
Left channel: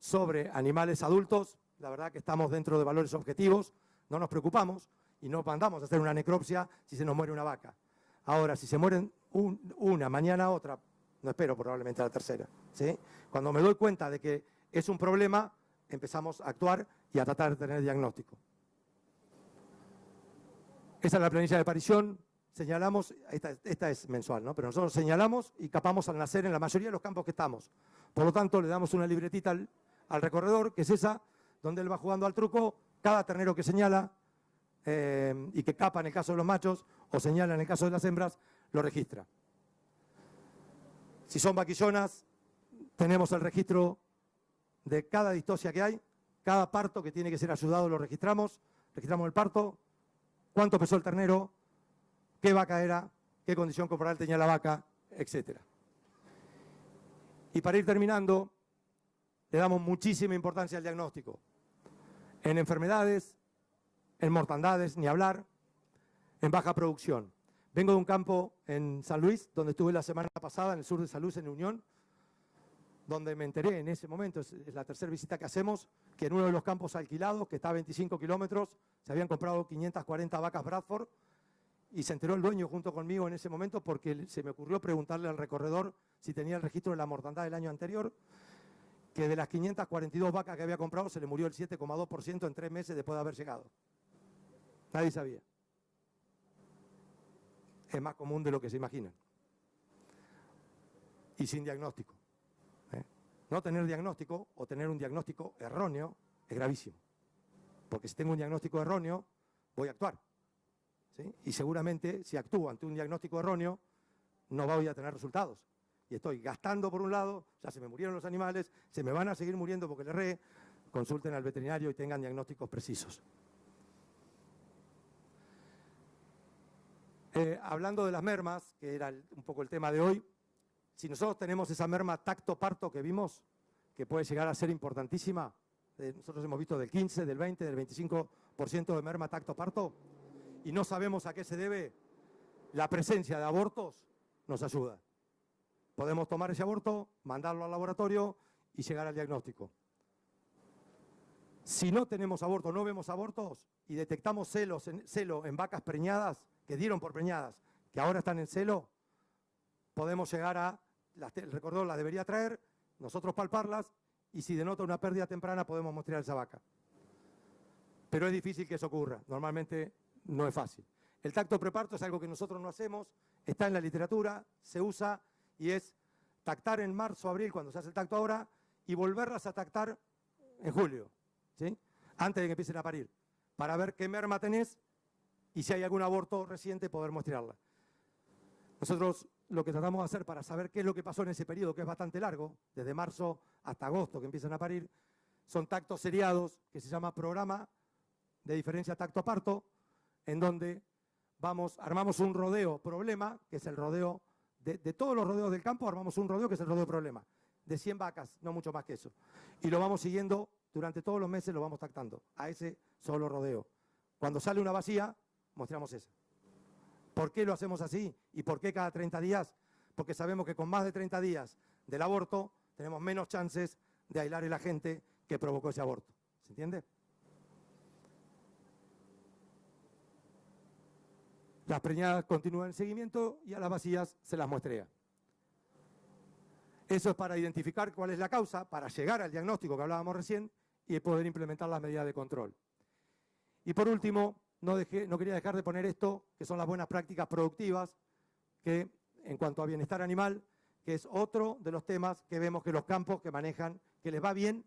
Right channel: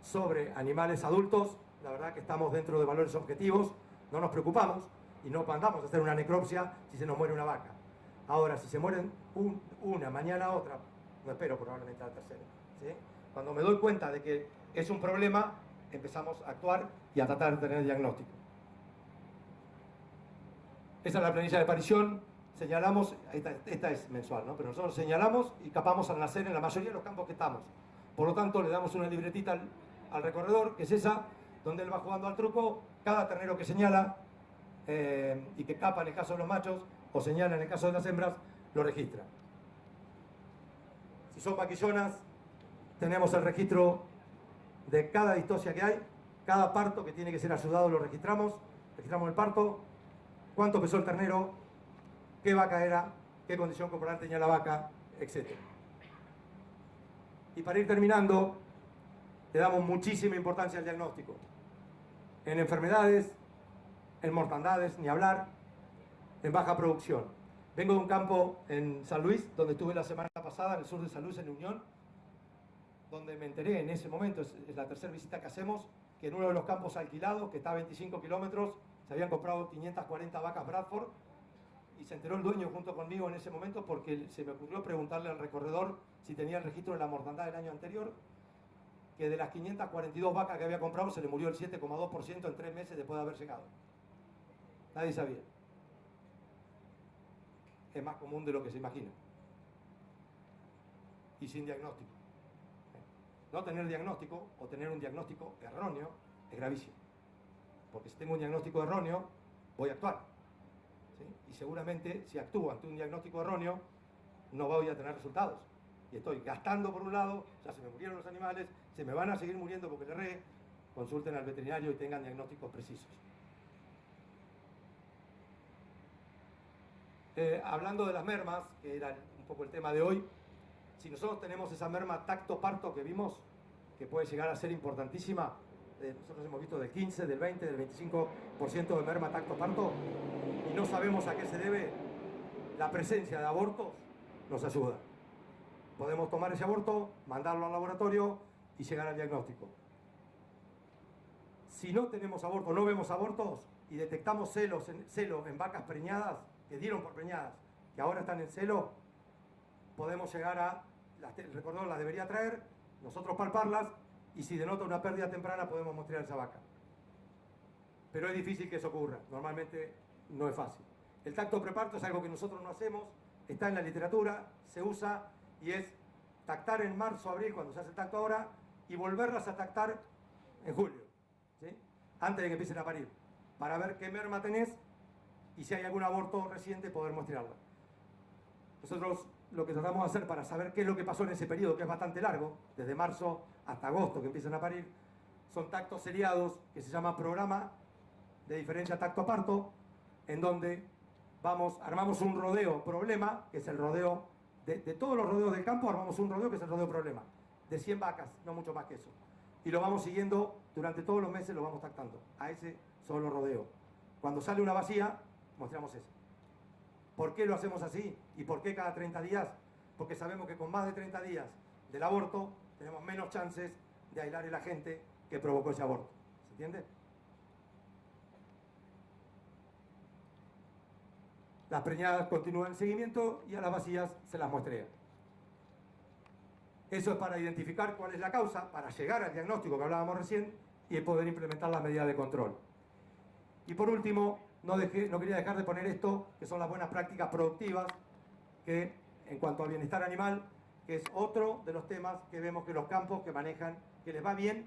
sobre animales adultos, la verdad que estamos dentro de valores objetivos, no nos preocupamos y no mandamos a hacer una necropsia si se nos muere una vaca. Ahora, si se mueren una, mañana otra, no espero probablemente a la tercera, ¿sí? Cuando me doy cuenta de que es un problema, empezamos a actuar y a tratar de tener diagnóstico. Esa es la planilla de aparición. Señalamos, esta es mensual, ¿no? Pero nosotros señalamos y capamos al nacer en la mayoría de los campos que estamos. Por lo tanto, le damos una libretita al recorredor, que es esa, donde él va jugando al truco. Cada ternero que señala y que capa en el caso de los machos, o señala en el caso de las hembras, lo registra. Si son vaquillonas, tenemos el registro de cada distosia que hay, cada parto que tiene que ser ayudado lo registramos el parto, cuánto pesó el ternero, qué vaca era, qué condición corporal tenía la vaca, etc. Y para ir terminando, le damos muchísima importancia al diagnóstico. En enfermedades, en mortandades, ni hablar, en baja producción. Vengo de un campo en San Luis, donde estuve la semana pasada, en el sur de San Luis, en Unión, donde me enteré en ese momento, es la tercera visita que hacemos, que en uno de los campos alquilados, que está a 25 kilómetros, se habían comprado 540 vacas Bradford, y se enteró el dueño junto conmigo en ese momento porque se me ocurrió preguntarle al recorredor si tenía el registro de la mortandad del año anterior, que de las 542 vacas que había comprado se le murió el 7,2% en 3 meses después de haber llegado. Nadie sabía. Es más común de lo que se imagina. Y sin diagnóstico. No tener diagnóstico o tener un diagnóstico erróneo es gravísimo. Porque si tengo un diagnóstico erróneo, voy a actuar. ¿Sí? Y seguramente si actúo ante un diagnóstico erróneo, no voy a tener resultados. Y estoy gastando por un lado, ya se me murieron los animales, se me van a seguir muriendo porque le erré. Consulten al veterinario y tengan diagnósticos precisos. Hablando de las mermas, que era un poco el tema de hoy, si nosotros tenemos esa merma tacto-parto que vimos, que puede llegar a ser importantísima, nosotros hemos visto del 15, del 20, del 25% de merma tacto-parto, y no sabemos a qué se debe, la presencia de abortos nos ayuda. Podemos tomar ese aborto, mandarlo al laboratorio y llegar al diagnóstico. Si no tenemos aborto, no vemos abortos y detectamos celo en vacas preñadas, que dieron por preñadas, que ahora están en celo, podemos llegar a, el recorredor las debería traer, nosotros palparlas, y si denota una pérdida temprana podemos mostrar esa vaca. Pero es difícil que eso ocurra, normalmente no es fácil. El tacto preparto es algo que nosotros no hacemos, está en la literatura, se usa y es tactar en marzo, abril, cuando se hace el tacto ahora, y volverlas a tactar en julio, ¿sí? Antes de que empiecen a parir, para ver qué merma tenés y si hay algún aborto reciente poder mostrarla. Nosotros lo que tratamos de hacer para saber qué es lo que pasó en ese periodo, que es bastante largo, desde marzo hasta agosto que empiezan a parir, son tactos seriados que se llama programa de diferencia tacto-parto, en donde armamos un rodeo problema, que es el rodeo, de todos los rodeos del campo, armamos un rodeo que es el rodeo problema, de 100 vacas, no mucho más que eso. Y lo vamos siguiendo, durante todos los meses lo vamos tactando, a ese solo rodeo. Cuando sale una vacía, mostramos esa. ¿Por qué lo hacemos así? ¿Y por qué cada 30 días? Porque sabemos que con más de 30 días del aborto tenemos menos chances de aislar el agente que provocó ese aborto. ¿Se entiende? Las preñadas continúan el seguimiento y a las vacías se las muestrea. Eso es para identificar cuál es la causa, para llegar al diagnóstico que hablábamos recién y poder implementar las medidas de control. Y por último, no quería dejar de poner esto, que son las buenas prácticas productivas, que en cuanto al bienestar animal, que es otro de los temas que vemos que los campos que manejan, que les va bien,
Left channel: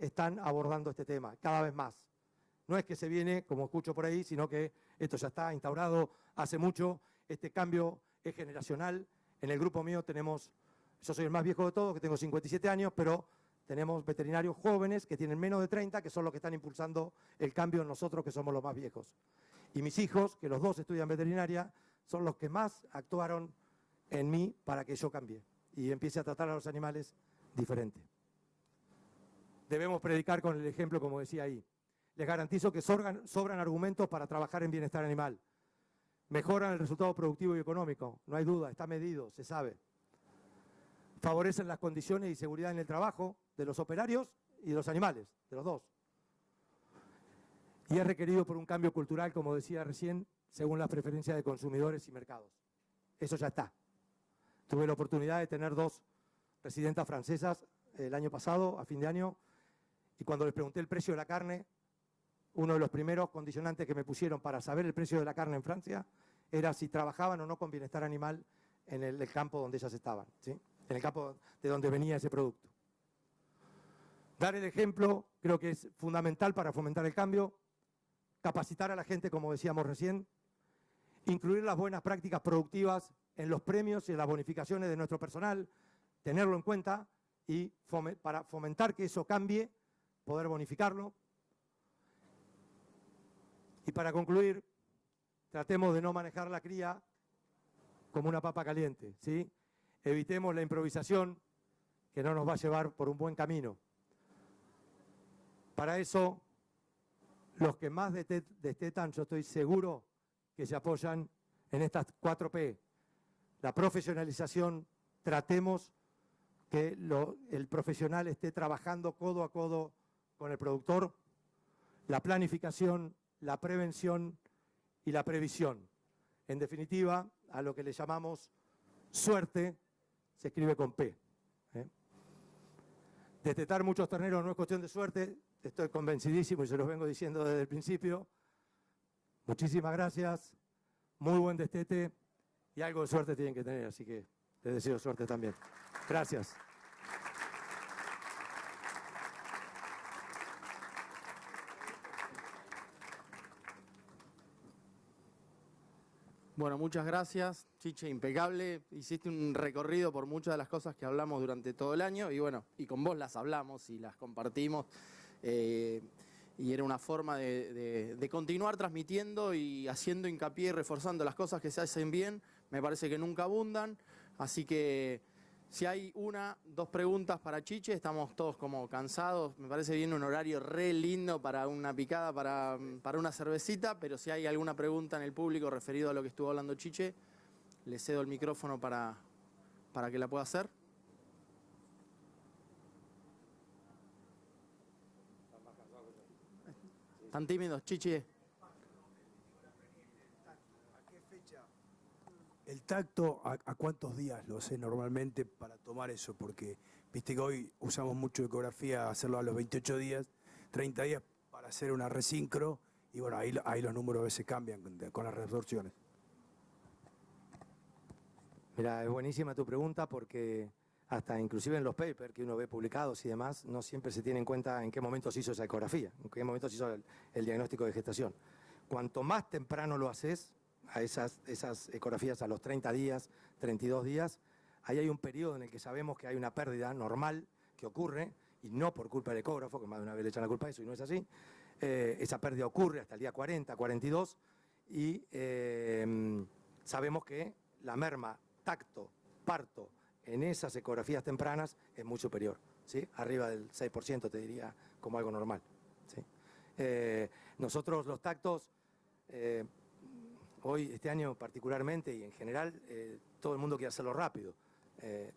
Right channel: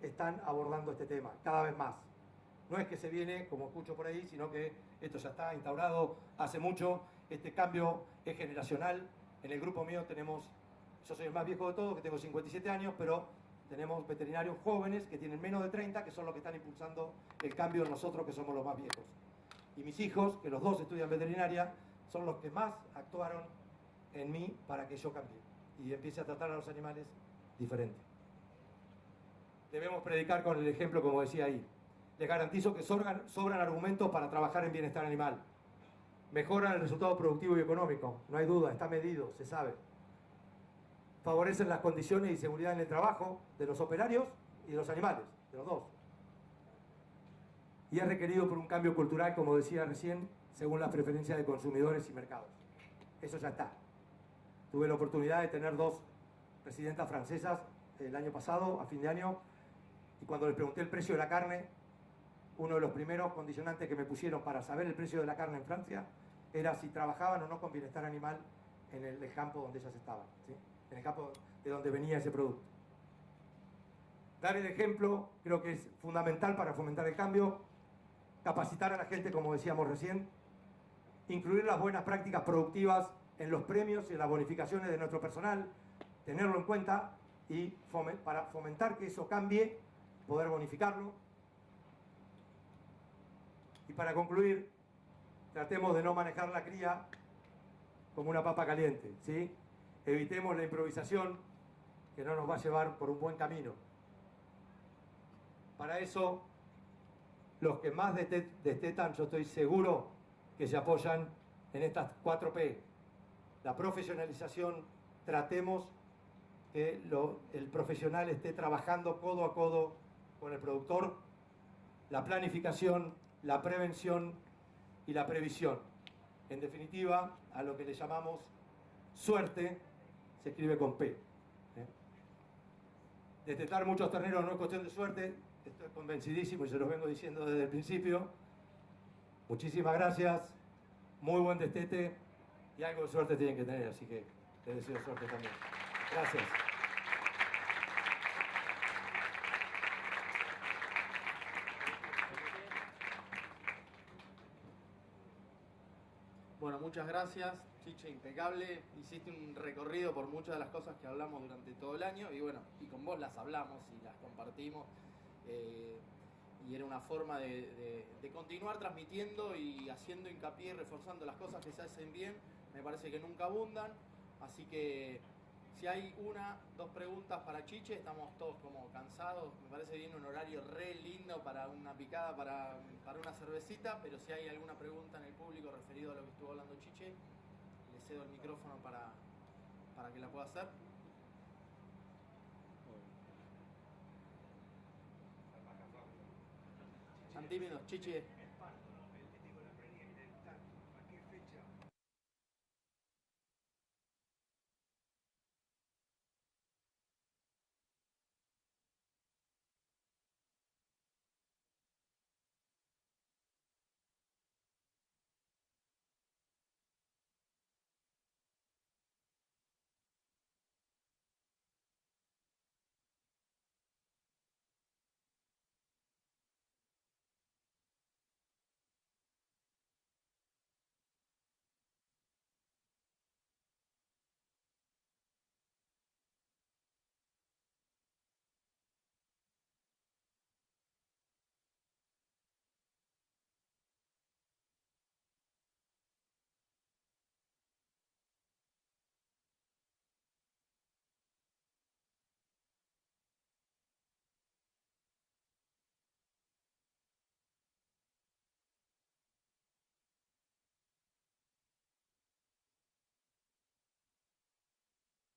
están abordando este tema, cada vez más. No es que se viene, como escucho por ahí, sino que esto ya está instaurado hace mucho, este cambio es generacional. En el grupo mío yo soy el más viejo de todos, que tengo 57 años, pero tenemos veterinarios jóvenes que tienen menos de 30, que son los que están impulsando el cambio en nosotros, que somos los más viejos. Y mis hijos, que los dos estudian veterinaria, son los que más actuaron en mí para que yo cambie y empiece a tratar a los animales diferente. Debemos predicar con el ejemplo, como decía ahí. Les garantizo que sobran argumentos para trabajar en bienestar animal. Mejoran el resultado productivo y económico, no hay duda, está medido, se sabe. Favorecen las condiciones y seguridad en el trabajo de los operarios y de los animales, de los dos. Y es requerido por un cambio cultural, como decía recién, según las preferencias de consumidores y mercados. Eso ya está. Tuve la oportunidad de tener 2 presidentas francesas el año pasado, a fin de año, y cuando les pregunté el precio de la carne, uno de los primeros condicionantes que me pusieron para saber el precio de la carne en Francia era si trabajaban o no con bienestar animal en el campo donde ellas estaban, ¿sí? En el campo de donde venía ese producto. Dar el ejemplo creo que es fundamental para fomentar el cambio, capacitar a la gente, como decíamos recién, incluir las buenas prácticas productivas en los premios y en las bonificaciones de nuestro personal, tenerlo en cuenta y para fomentar que eso cambie, poder bonificarlo. Y para concluir, tratemos de no manejar la cría como una papa caliente, ¿sí? Evitemos la improvisación que no nos va a llevar por un buen camino. Para eso, los que más destetan, yo estoy seguro que se apoyan en estas 4P. La profesionalización, tratemos que el profesional esté trabajando codo a codo con el productor, la planificación, la prevención y la previsión. En definitiva, a lo que le llamamos suerte, se escribe con P. Destetar muchos terneros no es cuestión de suerte, estoy convencidísimo y se los vengo diciendo desde el principio. Muchísimas gracias, muy buen destete y algo de suerte tienen que tener, así que les deseo suerte también. Gracias. Bueno, muchas gracias, Chiche, impecable. Hiciste un recorrido por muchas de las cosas que hablamos durante todo el año y bueno, y con vos las hablamos y las compartimos. Y era una forma de continuar transmitiendo y haciendo hincapié y reforzando las cosas que se hacen bien. Me parece que nunca abundan. Así que si hay dos preguntas para Chiche, estamos todos como cansados. Me parece bien un horario re lindo para una picada, para una cervecita. Pero si hay alguna pregunta en el público referido a lo que estuvo hablando Chiche, le cedo el micrófono para que la pueda hacer. ¿Están tímidos, Chiche? El tacto, ¿a cuántos días lo hace normalmente para tomar eso? Porque viste que hoy usamos mucho ecografía, hacerlo a los 28 días, 30 días para hacer una resincro, y bueno, ahí los números a veces cambian con las reabsorciones. Mira, es buenísima tu pregunta porque hasta inclusive en los papers que uno ve publicados y demás, no siempre se tiene en cuenta en qué momento se hizo esa ecografía, en qué momento se hizo el diagnóstico de gestación. Cuanto más temprano lo haces, a esas ecografías a los 30 días, 32 días, ahí hay un periodo en el que sabemos que hay una pérdida normal que ocurre, y no por culpa del ecógrafo, que más de una vez le echan la culpa a eso y no es así. Esa pérdida ocurre hasta el día 40, 42, y sabemos que la merma, tacto, parto, en esas ecografías tempranas es muy superior, ¿sí? Arriba del 6% te diría como algo normal, ¿sí? Nosotros los tactos, hoy, este año particularmente y en general, todo el mundo quiere hacerlo rápido.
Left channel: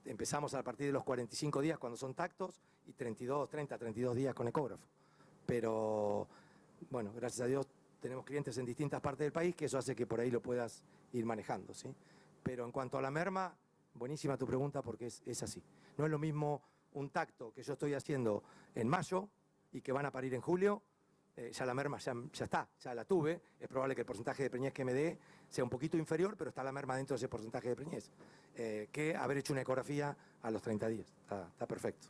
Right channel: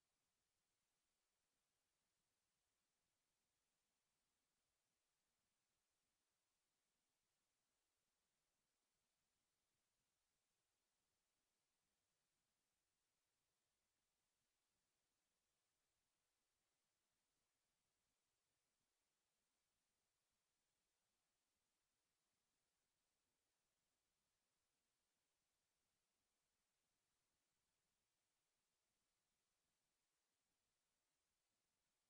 Empezamos a partir de los 45 días cuando son tactos y 32 días con ecógrafo. Pero, bueno, gracias a Dios tenemos clientes en distintas partes del país que eso hace que por ahí lo puedas ir manejando, ¿sí? Pero en cuanto a la merma, buenísima tu pregunta porque es así. No es lo mismo un tacto que yo estoy haciendo en mayo y que van a parir en julio. Ya la merma ya está, ya la tuve. Es probable que el porcentaje de preñez que me dé sea un poquito inferior, pero está la merma dentro de ese porcentaje de preñez. Que haber hecho una ecografía a los 30 días. Está perfecto.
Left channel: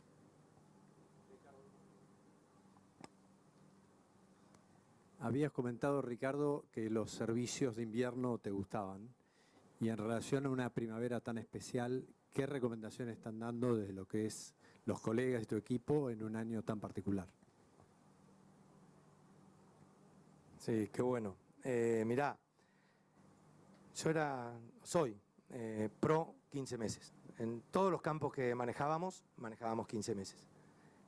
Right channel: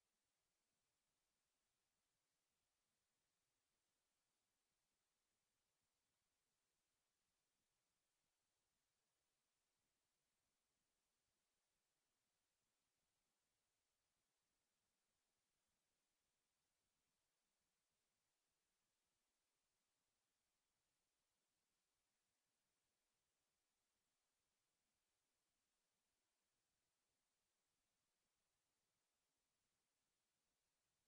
Habías comentado, Ricardo, que los servicios de invierno te gustaban. Y en relación a una primavera tan especial, ¿qué recomendaciones están dando de lo que es los colegas y tu equipo en un año tan particular? Sí, qué bueno. Mirá, soy pro 15 meses. En todos los campos que manejábamos 15 meses.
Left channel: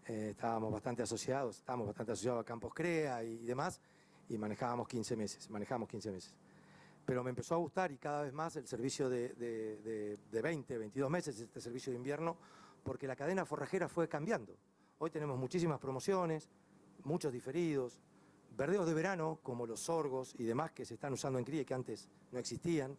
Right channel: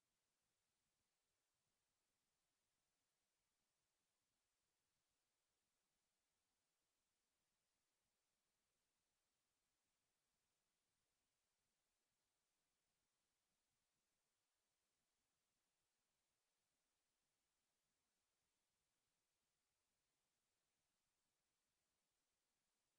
Estamos bastante asociados a campos CREA y demás, y manejamos 15 meses. Pero me empezó a gustar y cada vez más el servicio de 20, 22 meses, este servicio de invierno, porque la cadena forrajera fue cambiando. Hoy tenemos muchísimas promociones, muchos diferidos, verdeos de verano, como los sorgos y demás que se están usando en cría y que antes no existían.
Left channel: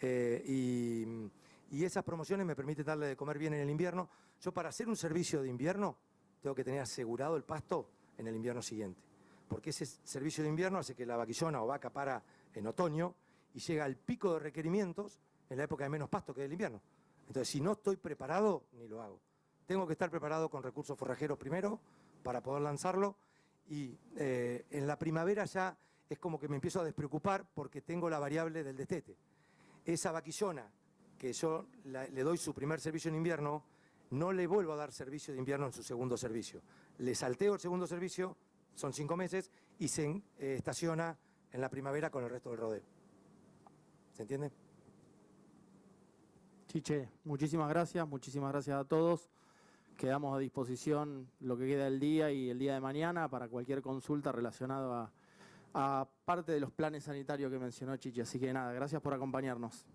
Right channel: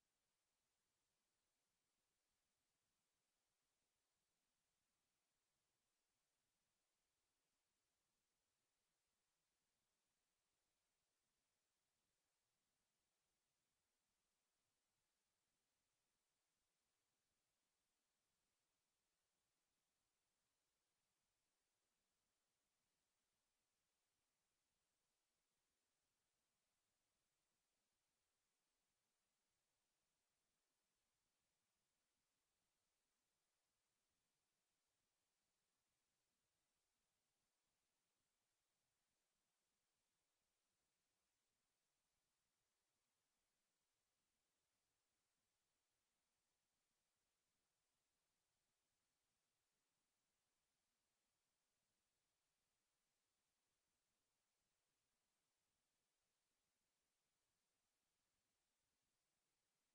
Y esas promociones me permiten darle de comer bien en el invierno. Yo, para hacer un servicio de invierno, tengo que tener asegurado el pasto en el invierno siguiente. Porque ese servicio de invierno hace que la vaquillona o vaca para en otoño y llega al pico de requerimientos en la época de menos pasto, que es el invierno. Entonces, si no estoy preparado, ni lo hago. Tengo que estar preparado con recursos forrajeros primero para poder lanzarlo. Y en la primavera ya es como que me empiezo a despreocupar porque tengo la variable del destete. Esa vaquillona que yo le doy su primer servicio en invierno, no le vuelvo a dar servicio de invierno en su segundo servicio. Le salteo el segundo servicio, son 5 meses, y se estaciona en la primavera con el resto del rodeo. ¿Se entiende? Chiche, muchísimas gracias a todos. Quedamos a disposición lo que queda del día y el día de mañana para cualquier consulta relacionada a parte de los planes sanitarios que mencionó Chiche. Así que nada, gracias por acompañarnos.